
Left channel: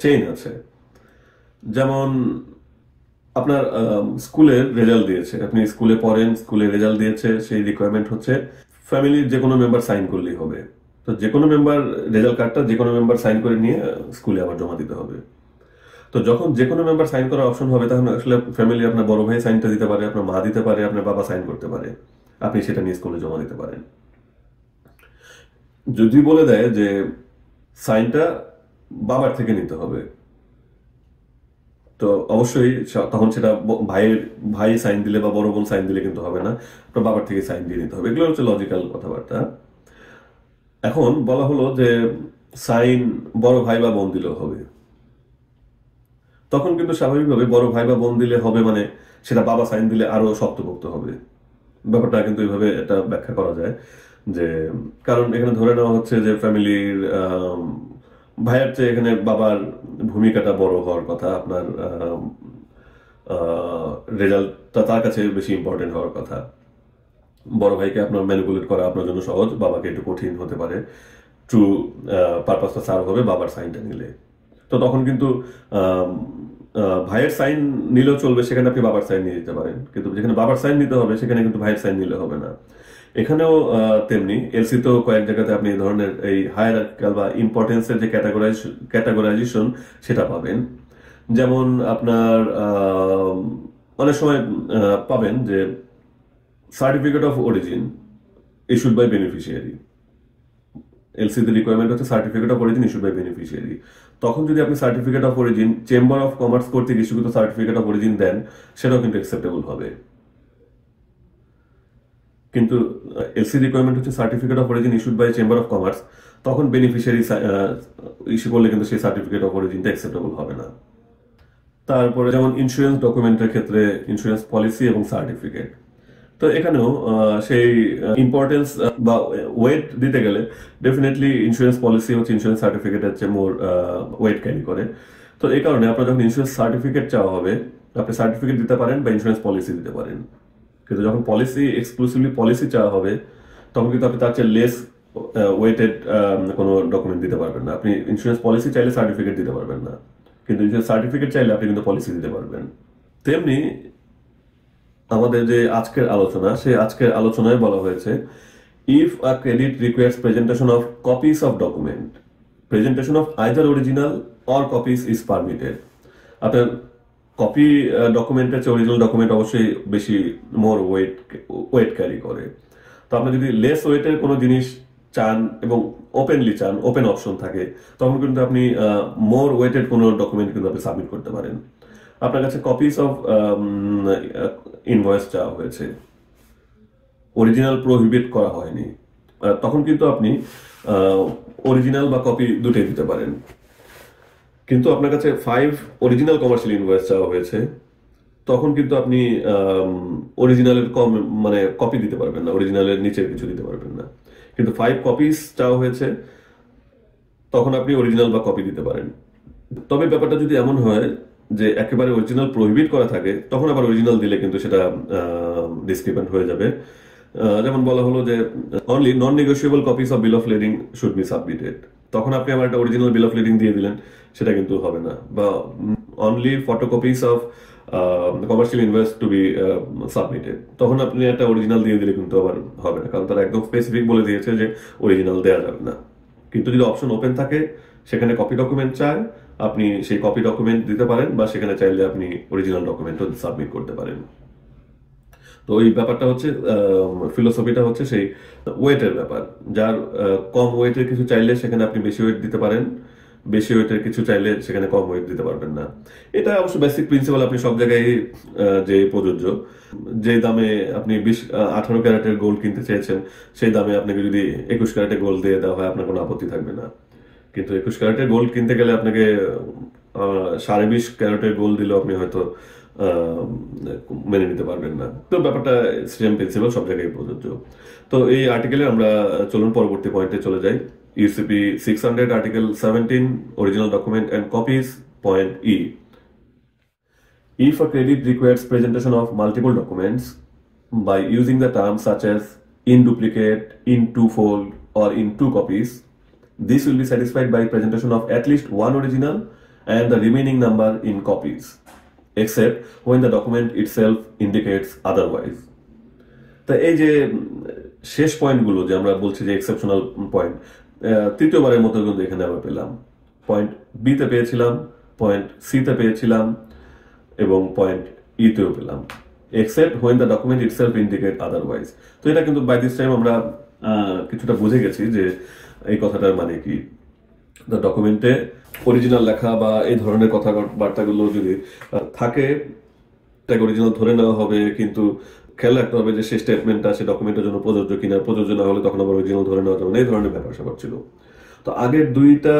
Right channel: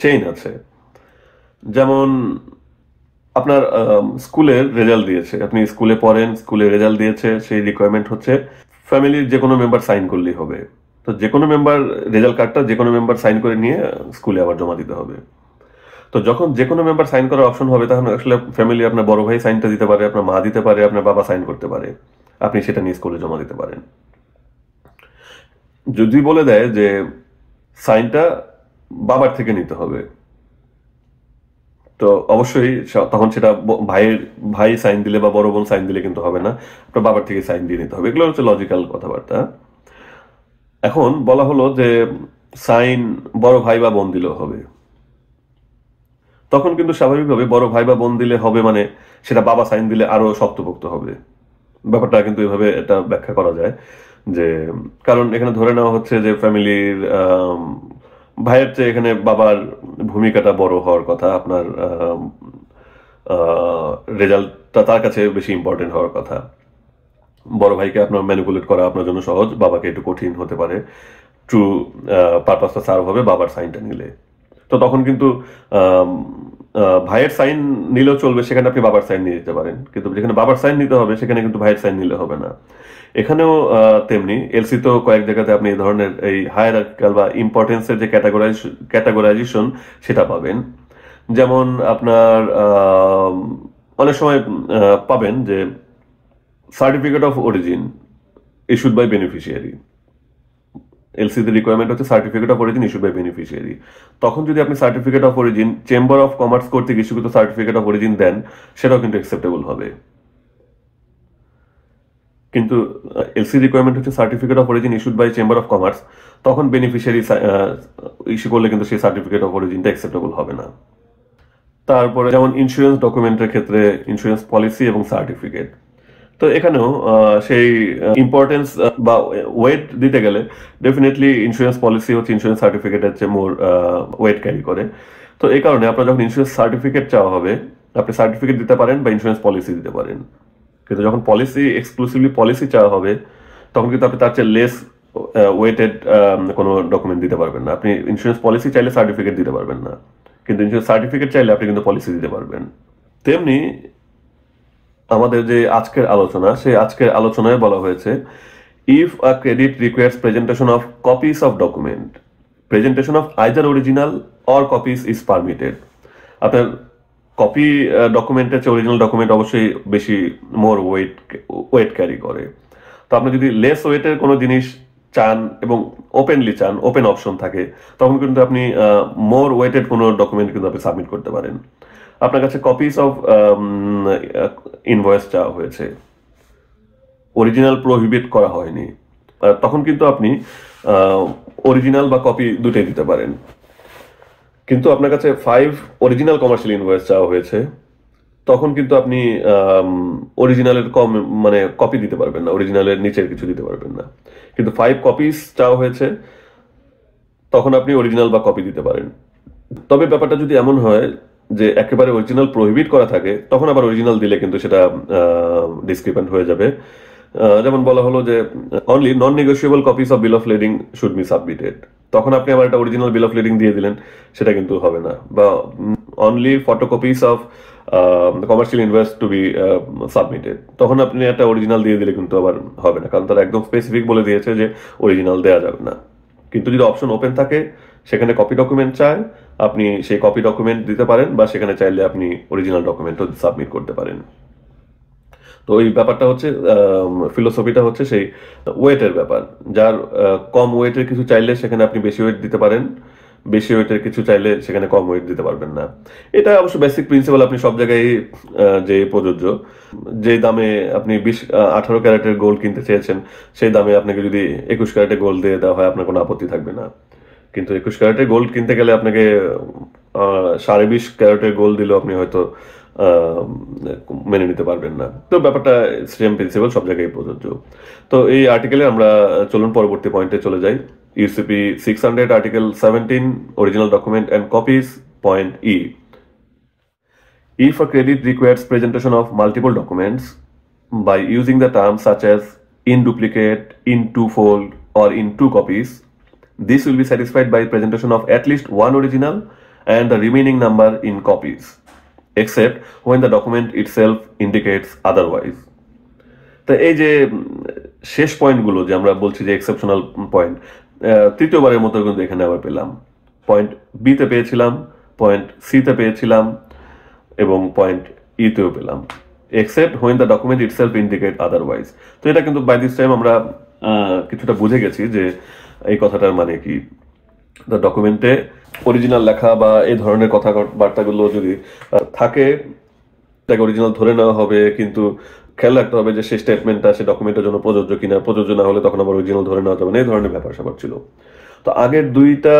chain আছে। যেমন আপনার স্কুলের রেজাল্ট দিয়েছে, আপনি স্কুলে পড়েন, স্কুলে রেজাল্ট দিয়েছে, সেই রিকোয়ারমেন্ট হচ্ছে ফ্যামিলির যে কোনো মেম্বার সাইন করলেই হবে। তো যে কোনো মেম্বার রেজাল্ট কার্ডটা যে কোনো মেম্বার সাইন করে নিয়ে স্কুলে আবার জমা দিতে হবে। তো যখন যে কোনো মেম্বার সাইন করার অপশন হবে, তখন আসলে ফ্যামিলি আপনার বড় ভাই সাইনটা দিতে পারে, আপনার মা দিতে পারে, আপনার বাবা সাইন করতে পারে, আপনি সেটা নিয়ে স্কুলে জমা দিতে পারেন। যদি বলে দেয় যে সাইনটা বাবার থেকে নিতে হবে, তো অবশ্যই তখন সেটা ভাই সাইন দিলে বা বড় বোন সাইন দিলে কিন্তু হবে না, আপনার বাবার থেকে সাইন দিয়ে নিতে হবে। এগুলো হচ্ছে লজিক্যাল কথাবার্তা। এখন বলা হলো যে সাইন বড় ভাই বা বোন দিলেও হবে, তখন কিন্তু স্বাভাবিকভাবে বড় ভাই বা বোন দিলে হবে মানে সেটা বাবা সাইন দিলে আরো শক্তপোক্ত হবে। ব্যাপারটা কিন্তু এভাবে এটা ব্যাখ্যা করা যায় যে, কারণ এখানে ধরে নেওয়া হচ্ছে যে ফ্যামিলির ভাইয়ের চেয়ে এখানে বাবার ভূমিকাটা বড় হওয়ার কথা, আপনার রেজাল্টটা তার কাছে বেশি ইম্পর্টেন্ট হওয়ার কথা। বড় ভাইকে আপনার ম্যানিপুলেট করা আপনার জন্য সহজ, বাবাকে একটু কঠিন হতে পারে। ট্রু পারপাসটা সার্ভ হবে বাবার সাইনটা নিলে। তো তখন কিন্তু ভাইয়ের সাইন নিলেও চলবে, সেখানে আপনি বাবার সাইন নিয়ে দিতে পারেন, কিন্তু যেখানে বাবার সাইন নিতে হবে সেখানে কিন্তু ভাইয়ের সাইন নিলে হবে না। এখানেও তেমনি এলসি তো কয়েক জায়গাতে আপনি এই ধরনের এই হায়ারার্কিক্যাল বা ইম্পর্টেন্সের যে ক্যাটাগরাইজেশন সেটা পাবেন। যেমন আপনার অনেক সময় পাবেন যে certificate of origin issued by beneficiary. এলসিতে রিকোয়ারমেন্ট হচ্ছে certificate of origin issued by beneficiary. তখন যদি আপনি certificate of origin chamber of commerce কর্তৃক ইস্যুকৃত সার্টিফিকেট অফ অরিজিন দেন, সেটাও কিন্তু অ্যাকসেপ্টেবল হবে। কিন্তু এলসি রিকোয়ারমেন্ট হচ্ছে certificate of origin issued by chamber of commerce, তখন বেনিফিশিয়ারি ইস্যু করলে কিন্তু সেই সার্টিফিকেট অফ অরিজিনটা অ্যাকসেপ্টেবল হবে না। তারপরে যেমন ইন্স্যুরেন্স ডকুমেন্টের ক্ষেত্রে ইন্স্যুরেন্স পলিসি এবং সার্টিফিকেট, তো এখানেও সেই ইম্পর্টেন্স বা ওয়েট দিতে গেলে ডেফিনেটলি ইন্স্যুরেন্স পলিসি হচ্ছে ইন্স্যুরেন্স সার্টিফিকেটের চেয়ে মোর ওয়েট ক্যারি করে। তো এই কারণে আপনার যখন ইন্স্যুরেন্স সার্টিফিকেট চাওয়া হবে, আপনি সার্টিফিকেট দিতে পারেন বা ইন্স্যুরেন্স পলিসি দিতে পারেন। কিন্তু যখন পলিসি এক্সক্লুসিভলি পলিসি চাওয়া হবে, তখন কিন্তু আপনি তার চেয়ে লেস ওয়েটেড কোনো ডকুমেন্ট দিতে পারবেন না। আপনি ইন্স্যুরেন্স পলিসি চাইলে সার্টিফিকেট দিতে পারবেন না, কিন্তু ইন্স্যুরেন্স সার্টিফিকেট চাইলে আপনি কিন্তু পলিসি দিতে পারবেন। তেমনি আমাদের যে আজকের আলোচনা, সেই আজকের আলোচনায় বলা হয়েছে if a credit requires presentation of copies of document, presentation of either original or copies is permitted. আপনার কপি ডকুমেন্টের চেয়ে অরিজিনাল ডকুমেন্ট অবশ্যই বেশি মোর ওয়েট ক্যারি করে। তো আপনি যদি লেস ওয়েটের কোনো জিনিস চান এবং ওপেনলি চান, ওপেন অপশন থাকে, তখন কিন্তু আপনি মোর ওয়েটেড কোনো ডকুমেন্ট কিন্তু আপনি সাবমিট করতে পারেন। আপনার কাছে কপিস অফ ইনভয়েস চাওয়া হয়েছে, অরিজিনাল প্রোহিবিট করা হয়নি, তখন কিন্তু আপনি অরিজিনাল বা কপি দুটোই দিতে পারেন। কিন্তু আপনার কাছে 5 অরিজিনাল কমার্শিয়াল ইনভয়েস চাওয়া হয়েছে, তখন কিন্তু আপনি অরিজিনালের কম মানে কপি দিতে পারবেন না, অরিজিনালের নিচের কিছু দিতে পারবেন না। কিন্তু 5 কপিস চাওয়া হয়েছে, তখন আপনি অরিজিনাল বা কপি দিতে পারেন। তবে ব্যাপারটা যদি এমন হয় যে একেবারে অরিজিনাল প্রহিবিট করা থাকে, তখন আবার অরিজিনাল দিলে কিন্তু সেটা ডিসক্রিপেন্ট হয়ে যাবে। যেমন বলা হলো যে only non negotiable copies of bill of lading should be submitted, তখন আপনি আবার একটা অরিজিনাল বিল অফ লেডিং দিয়ে দিলেন, সেটা কিন্তু হবে না। বা only photocopies of commercial invoice to be submitted, তখন আপনি একটা অরিজিনাল দিয়ে দিলে কিন্তু আবার হবে না, কারণ তারা একদম স্পেসিফিক বলে দিয়েছে যে অরিজিনাল দেওয়া যাবে না। কিন্তু যদি অপশন ওপেন থাকে, সেখানে কপি ডকুমেন্ট চায়, আপনি সেই কপি ডকুমেন্ট দিতে পারেন, বা সেখানে চাইলে আপনি অরিজিনাল ডকুমেন্টও সাবমিট করতে পারেন। তো এই ব্যাপারটা হচ্ছে, ফিলোসফিটা হচ্ছে সেই ওয়েটের ব্যাপার। যার কম ওয়েটের কিছু চাইলে সেখানে আপনি বেশি ওয়েট দিতে পারেন, বেশি ওয়েটের কিছু চাইলে সেখানে কম ওয়েট দিতে পারবেন না। এটা অবশ্য বেসিক প্রিন্সিপাল, আপনি সব জায়গায় যে প্রযোজ্য। যে দামে আপনি 18 ক্যারেটের গোল্ড কিনতে চেয়েছেন, সেই দামে আপনাকে যদি 21 ক্যারেটের গোল্ড দিয়ে দেওয়া হয়, আপনার কোনো আপত্তি থাকবে না। কিন্তু 21 ক্যারেটের গোল্ড কিনতে গেলে আপনাকে 20.5 ক্যারেটের গোল্ড দিলেও আপনি হয়তো মেনে নিতে পারবেন না। তো ব্যাপারটা সেম প্রিন্সিপাল, সব জায়গায় প্রযোজ্য। তো এই আর্টিকেলে আমরা চলুন পরবর্তী পয়েন্টে চলে যাই। UCP 600 article 17 original document and copies, point E. If a credit requires presentation of multiple documents by using the terms such as in duplicate, in twofold, or in two copies, this will be satisfied by presentation of at least one original and the remaining number in copies, except when the document itself indicates otherwise. তো এই যে শেষ পয়েন্টগুলো যে আমরা বলছি যে exceptional point, তৃতীয়বারের মতো কিন্তু এখানে আবার পেলাম। পয়েন্ট বিতে পেয়েছিলাম, পয়েন্ট সিতে পেয়েছিলাম, এবং পয়েন্ট ইতেও পেলাম, except when the document itself indicate otherwise. তো এটা কিন্তু বাই দিস টাইম আমরা কিছুটা বুঝে গেছি যে এই কথাটার মানে কি। দ্য ডকুমেন্টে অরিজিনাল লেখা বা এই ধরনের কথাবার্তাগুলো যদি থাকে, তাকে অরিজিনাল ধরে নেওয়া হবে, কিন্তু খেয়াল রাখতে হবে যে সেই স্টেটমেন্টটা সে ডকুমেন্টের জন্য প্রযোজ্য কিনা, প্রযোজ্য না হলে তখন আবার অরিজিনাল ধরে নেওয়া যাবে না, এই ধরনের ব্যাপার স্যাপার ছিল। তো আগের দুইটা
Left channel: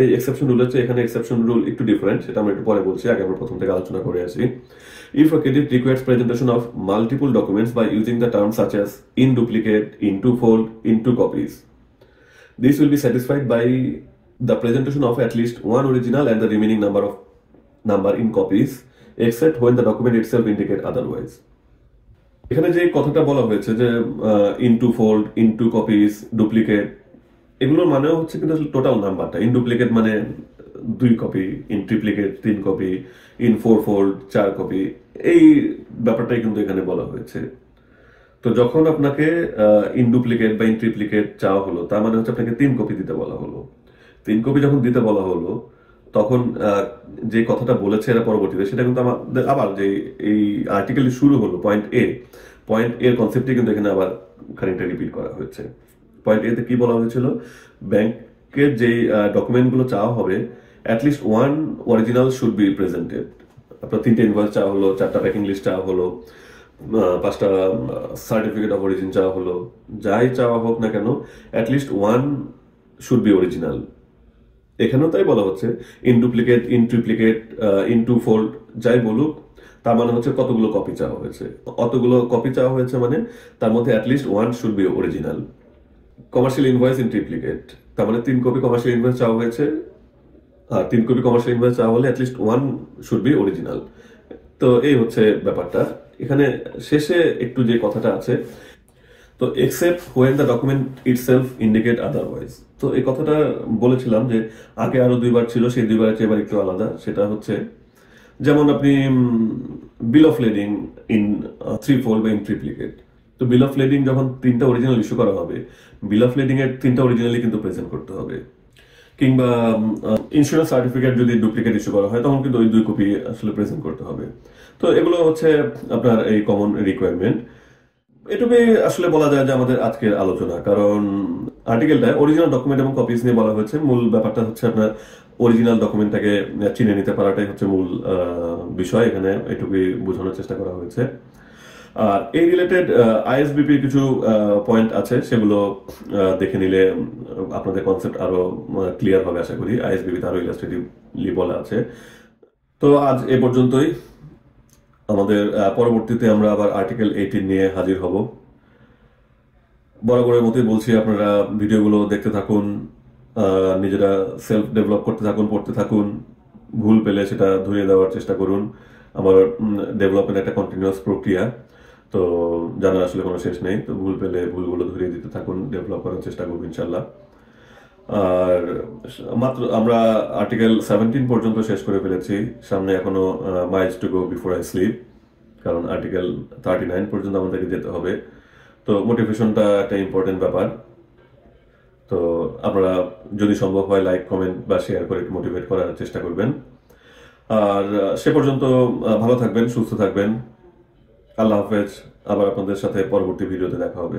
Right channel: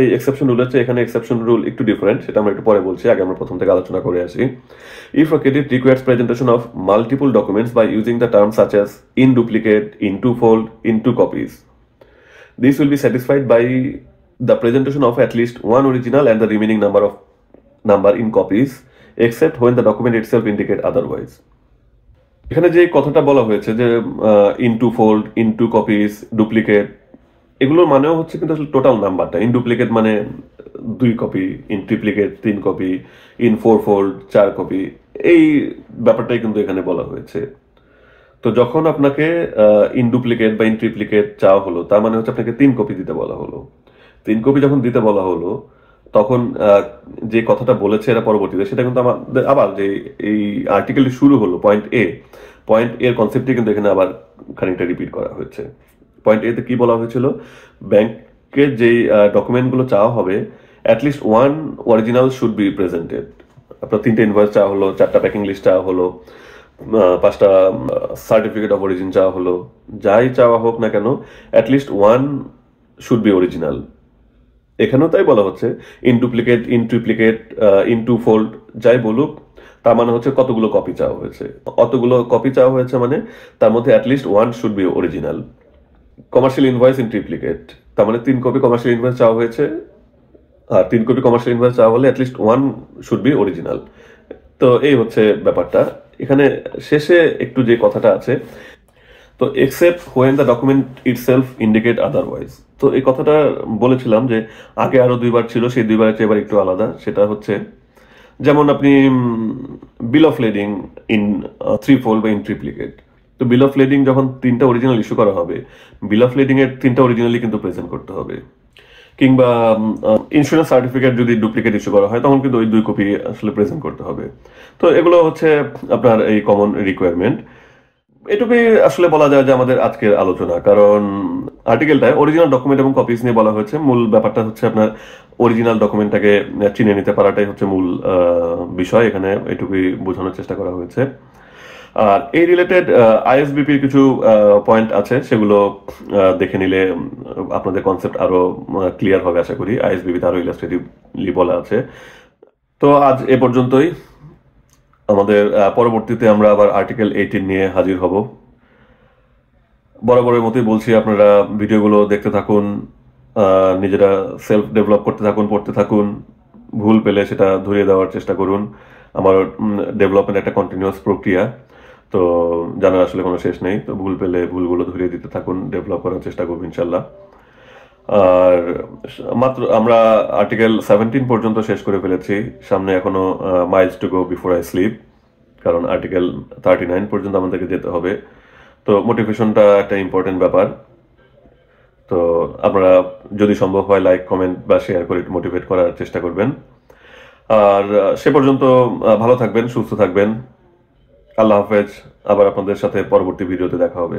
এই এক্সেপশন রুল হচ্ছে, এখানে এক্সেপশন রুল একটু ডিফারেন্ট, সেটা আমরা একটু পরে বলছি, আগে আমরা প্রথম থেকে আলোচনা করে আসি। If a credit requires presentation of multiple documents by using the term such as in duplicate, in two fold, in two copies, this will be satisfied by the presentation of at least one original and the remaining number in copies, except when the document itself indicate otherwise. এখানে যে কথাটা বলা হয়েছে যে in two fold, in two copies, duplicate, এগুলোর মানেও হচ্ছে কিন্তু আসলে টোটাল নাম্বারটা। ইন ডুপ্লিকেট মানে 2 copy, in ট্রিপ্লিকেট 3 copy, in 4 fold 4 copy, এই ব্যাপারটাই কিন্তু এখানে বলা হয়েছে। তো যখন আপনাকে ইন ডুপ্লিকেট বা ইন ট্রিপ্লিকেট চাওয়া হলো, তার মানে হচ্ছে আপনাকে 3 কপি দিতে বলা হলো। 3 কপি যখন দিতে বলা হলো, তখন যে কথাটা বলেছে এরা পরবর্তীতে, সেটা কিন্তু আমাদের আবার যে এই আর্টিকেলটি শুরু হলো পয়েন্ট এর কনসেপ্টটি কিন্তু এখানে আবার খানিকটা রিপিট করা হয়েছে। পয়েন্ট এতে কি বলা হয়েছিল, ব্যাংকের যেই ডকুমেন্টগুলো চাওয়া হবে, at least one original should be presented. আপনার 3টে ইনভয়েস চাওয়া হলো, 4টা প্যাকিং লিস্ট চাওয়া হলো, 5টা সার্টিফিকেট অফ অরিজিন চাওয়া হলো, যাই চাওয়া হোক না কেন, at least one should be original. এখানেও তাই বলা হচ্ছে, in duplicate, in triplicate, in two fold, যাই বলুক, তার মানে হচ্ছে কতগুলো কপি চাওয়া হয়েছে। অতগুলো কপি চাওয়া হয়েছে মানে তার মধ্যে at least one should be original. Commercial invoice in ট্রিপ্লিকেট, তার মানে 3 কপি কমার্শিয়াল ইনভয়েস চাওয়া হয়েছে, আর 3 কপি কমার্শিয়াল ইনভয়েস চাওয়া হলে at least one should be original. তো এই হচ্ছে ব্যাপারটা। এখানে শেষে একটু যে কথাটা আছে, তো except when the document itself indicate otherwise, তো এই কথাটা বলেছিলাম যে আগে আরো 2বার ছিল, সেই 2বারের চেয়ে এবার একটু আলাদা। সেটা হচ্ছে যেমন আপনি বিল অফ লেডিং ইন 3 ফোল্ড বা ইন ট্রিপ্লিকেট, তো বিল অফ লেডিং যখন 3টা অরিজিনাল ইস্যু করা হবে, বিল অফ লেডিং এর 3টা অরিজিনালি কিন্তু প্রেজেন্ট করতে হবে। কিংবা ইন্স্যুরেন্স সার্টিফিকেট যদি ডুপ্লিকেট ইস্যু করা হয়, তখন কিন্তু ওই 2 কপি আসলে প্রেজেন্ট করতে হবে। তো এগুলো হচ্ছে আপনার এই কমন রিকোয়ারমেন্ট। এটুকুই আসলে বলা যায় যে আমাদের আজকের আলোচনা, কারণ আর্টিকেলটায় অরিজিনাল ডকুমেন্ট এবং কপিস নিয়ে বলা হয়েছে। মূল ব্যাপারটা হচ্ছে আপনার অরিজিনাল ডকুমেন্টটাকে চিনে নিতে পারাটাই হচ্ছে মূল বিষয়, এখানে এটুকুই বোঝানোর চেষ্টা করা হয়েছে। আর এই রিলেটেড আইএসবিপির কিছু পয়েন্ট আছে, সেগুলো দেখে নিলে আপনাদের কনসেপ্ট আরো ক্লিয়ার হবে আশা করি। আইএসবিপিতে আরো ইলাস্ট্রেটিভলি বলা আছে। তো আজ এ পর্যন্তই। আমাদের পরবর্তীতে আমরা আবার আর্টিকেল 18 নিয়ে হাজির হব। বরাবরের মতোই বলছি, আপনারা ভিডিওগুলো দেখতে থাকুন, নিজেরা সেলফ ডেভেলপ করতে থাকুন, পড়তে থাকুন, ভুল পেলে সেটা ধরিয়ে দেওয়ার চেষ্টা করুন। আমার ডেভেলপমেন্ট একটা কন্টিনিউয়াস প্রক্রিয়া, তো জানার আসলে কোনো শেষ নেই। তো ভুল পেলে ভুলগুলো ধরিয়ে দিতে থাকুন, ডেভেলপ করার চেষ্টা করবো ইনশাল্লাহ। আর মাত্র আমরা আর্টিকেল 17 পর্যন্ত শেষ করে ফেলেছি, সামনে এখনো Miles to go before I sleep, কারণ আর্টিকেল 39 পর্যন্ত আমাদেরকে যেতে হবে। তো মোটিভেশনটা একটা ইম্পর্টেন্ট ব্যাপার। তো আপনারা যদি সম্ভব হয় লাইক, কমেন্ট বা শেয়ার করে মোটিভেট করার চেষ্টা করবেন। আর সে পর্যন্ত ভালো থাকবেন, সুস্থ থাকবেন। আল্লাহ হাফেজ। আবার আপনাদের সাথে পরবর্তী ভিডিওতে দেখা হবে।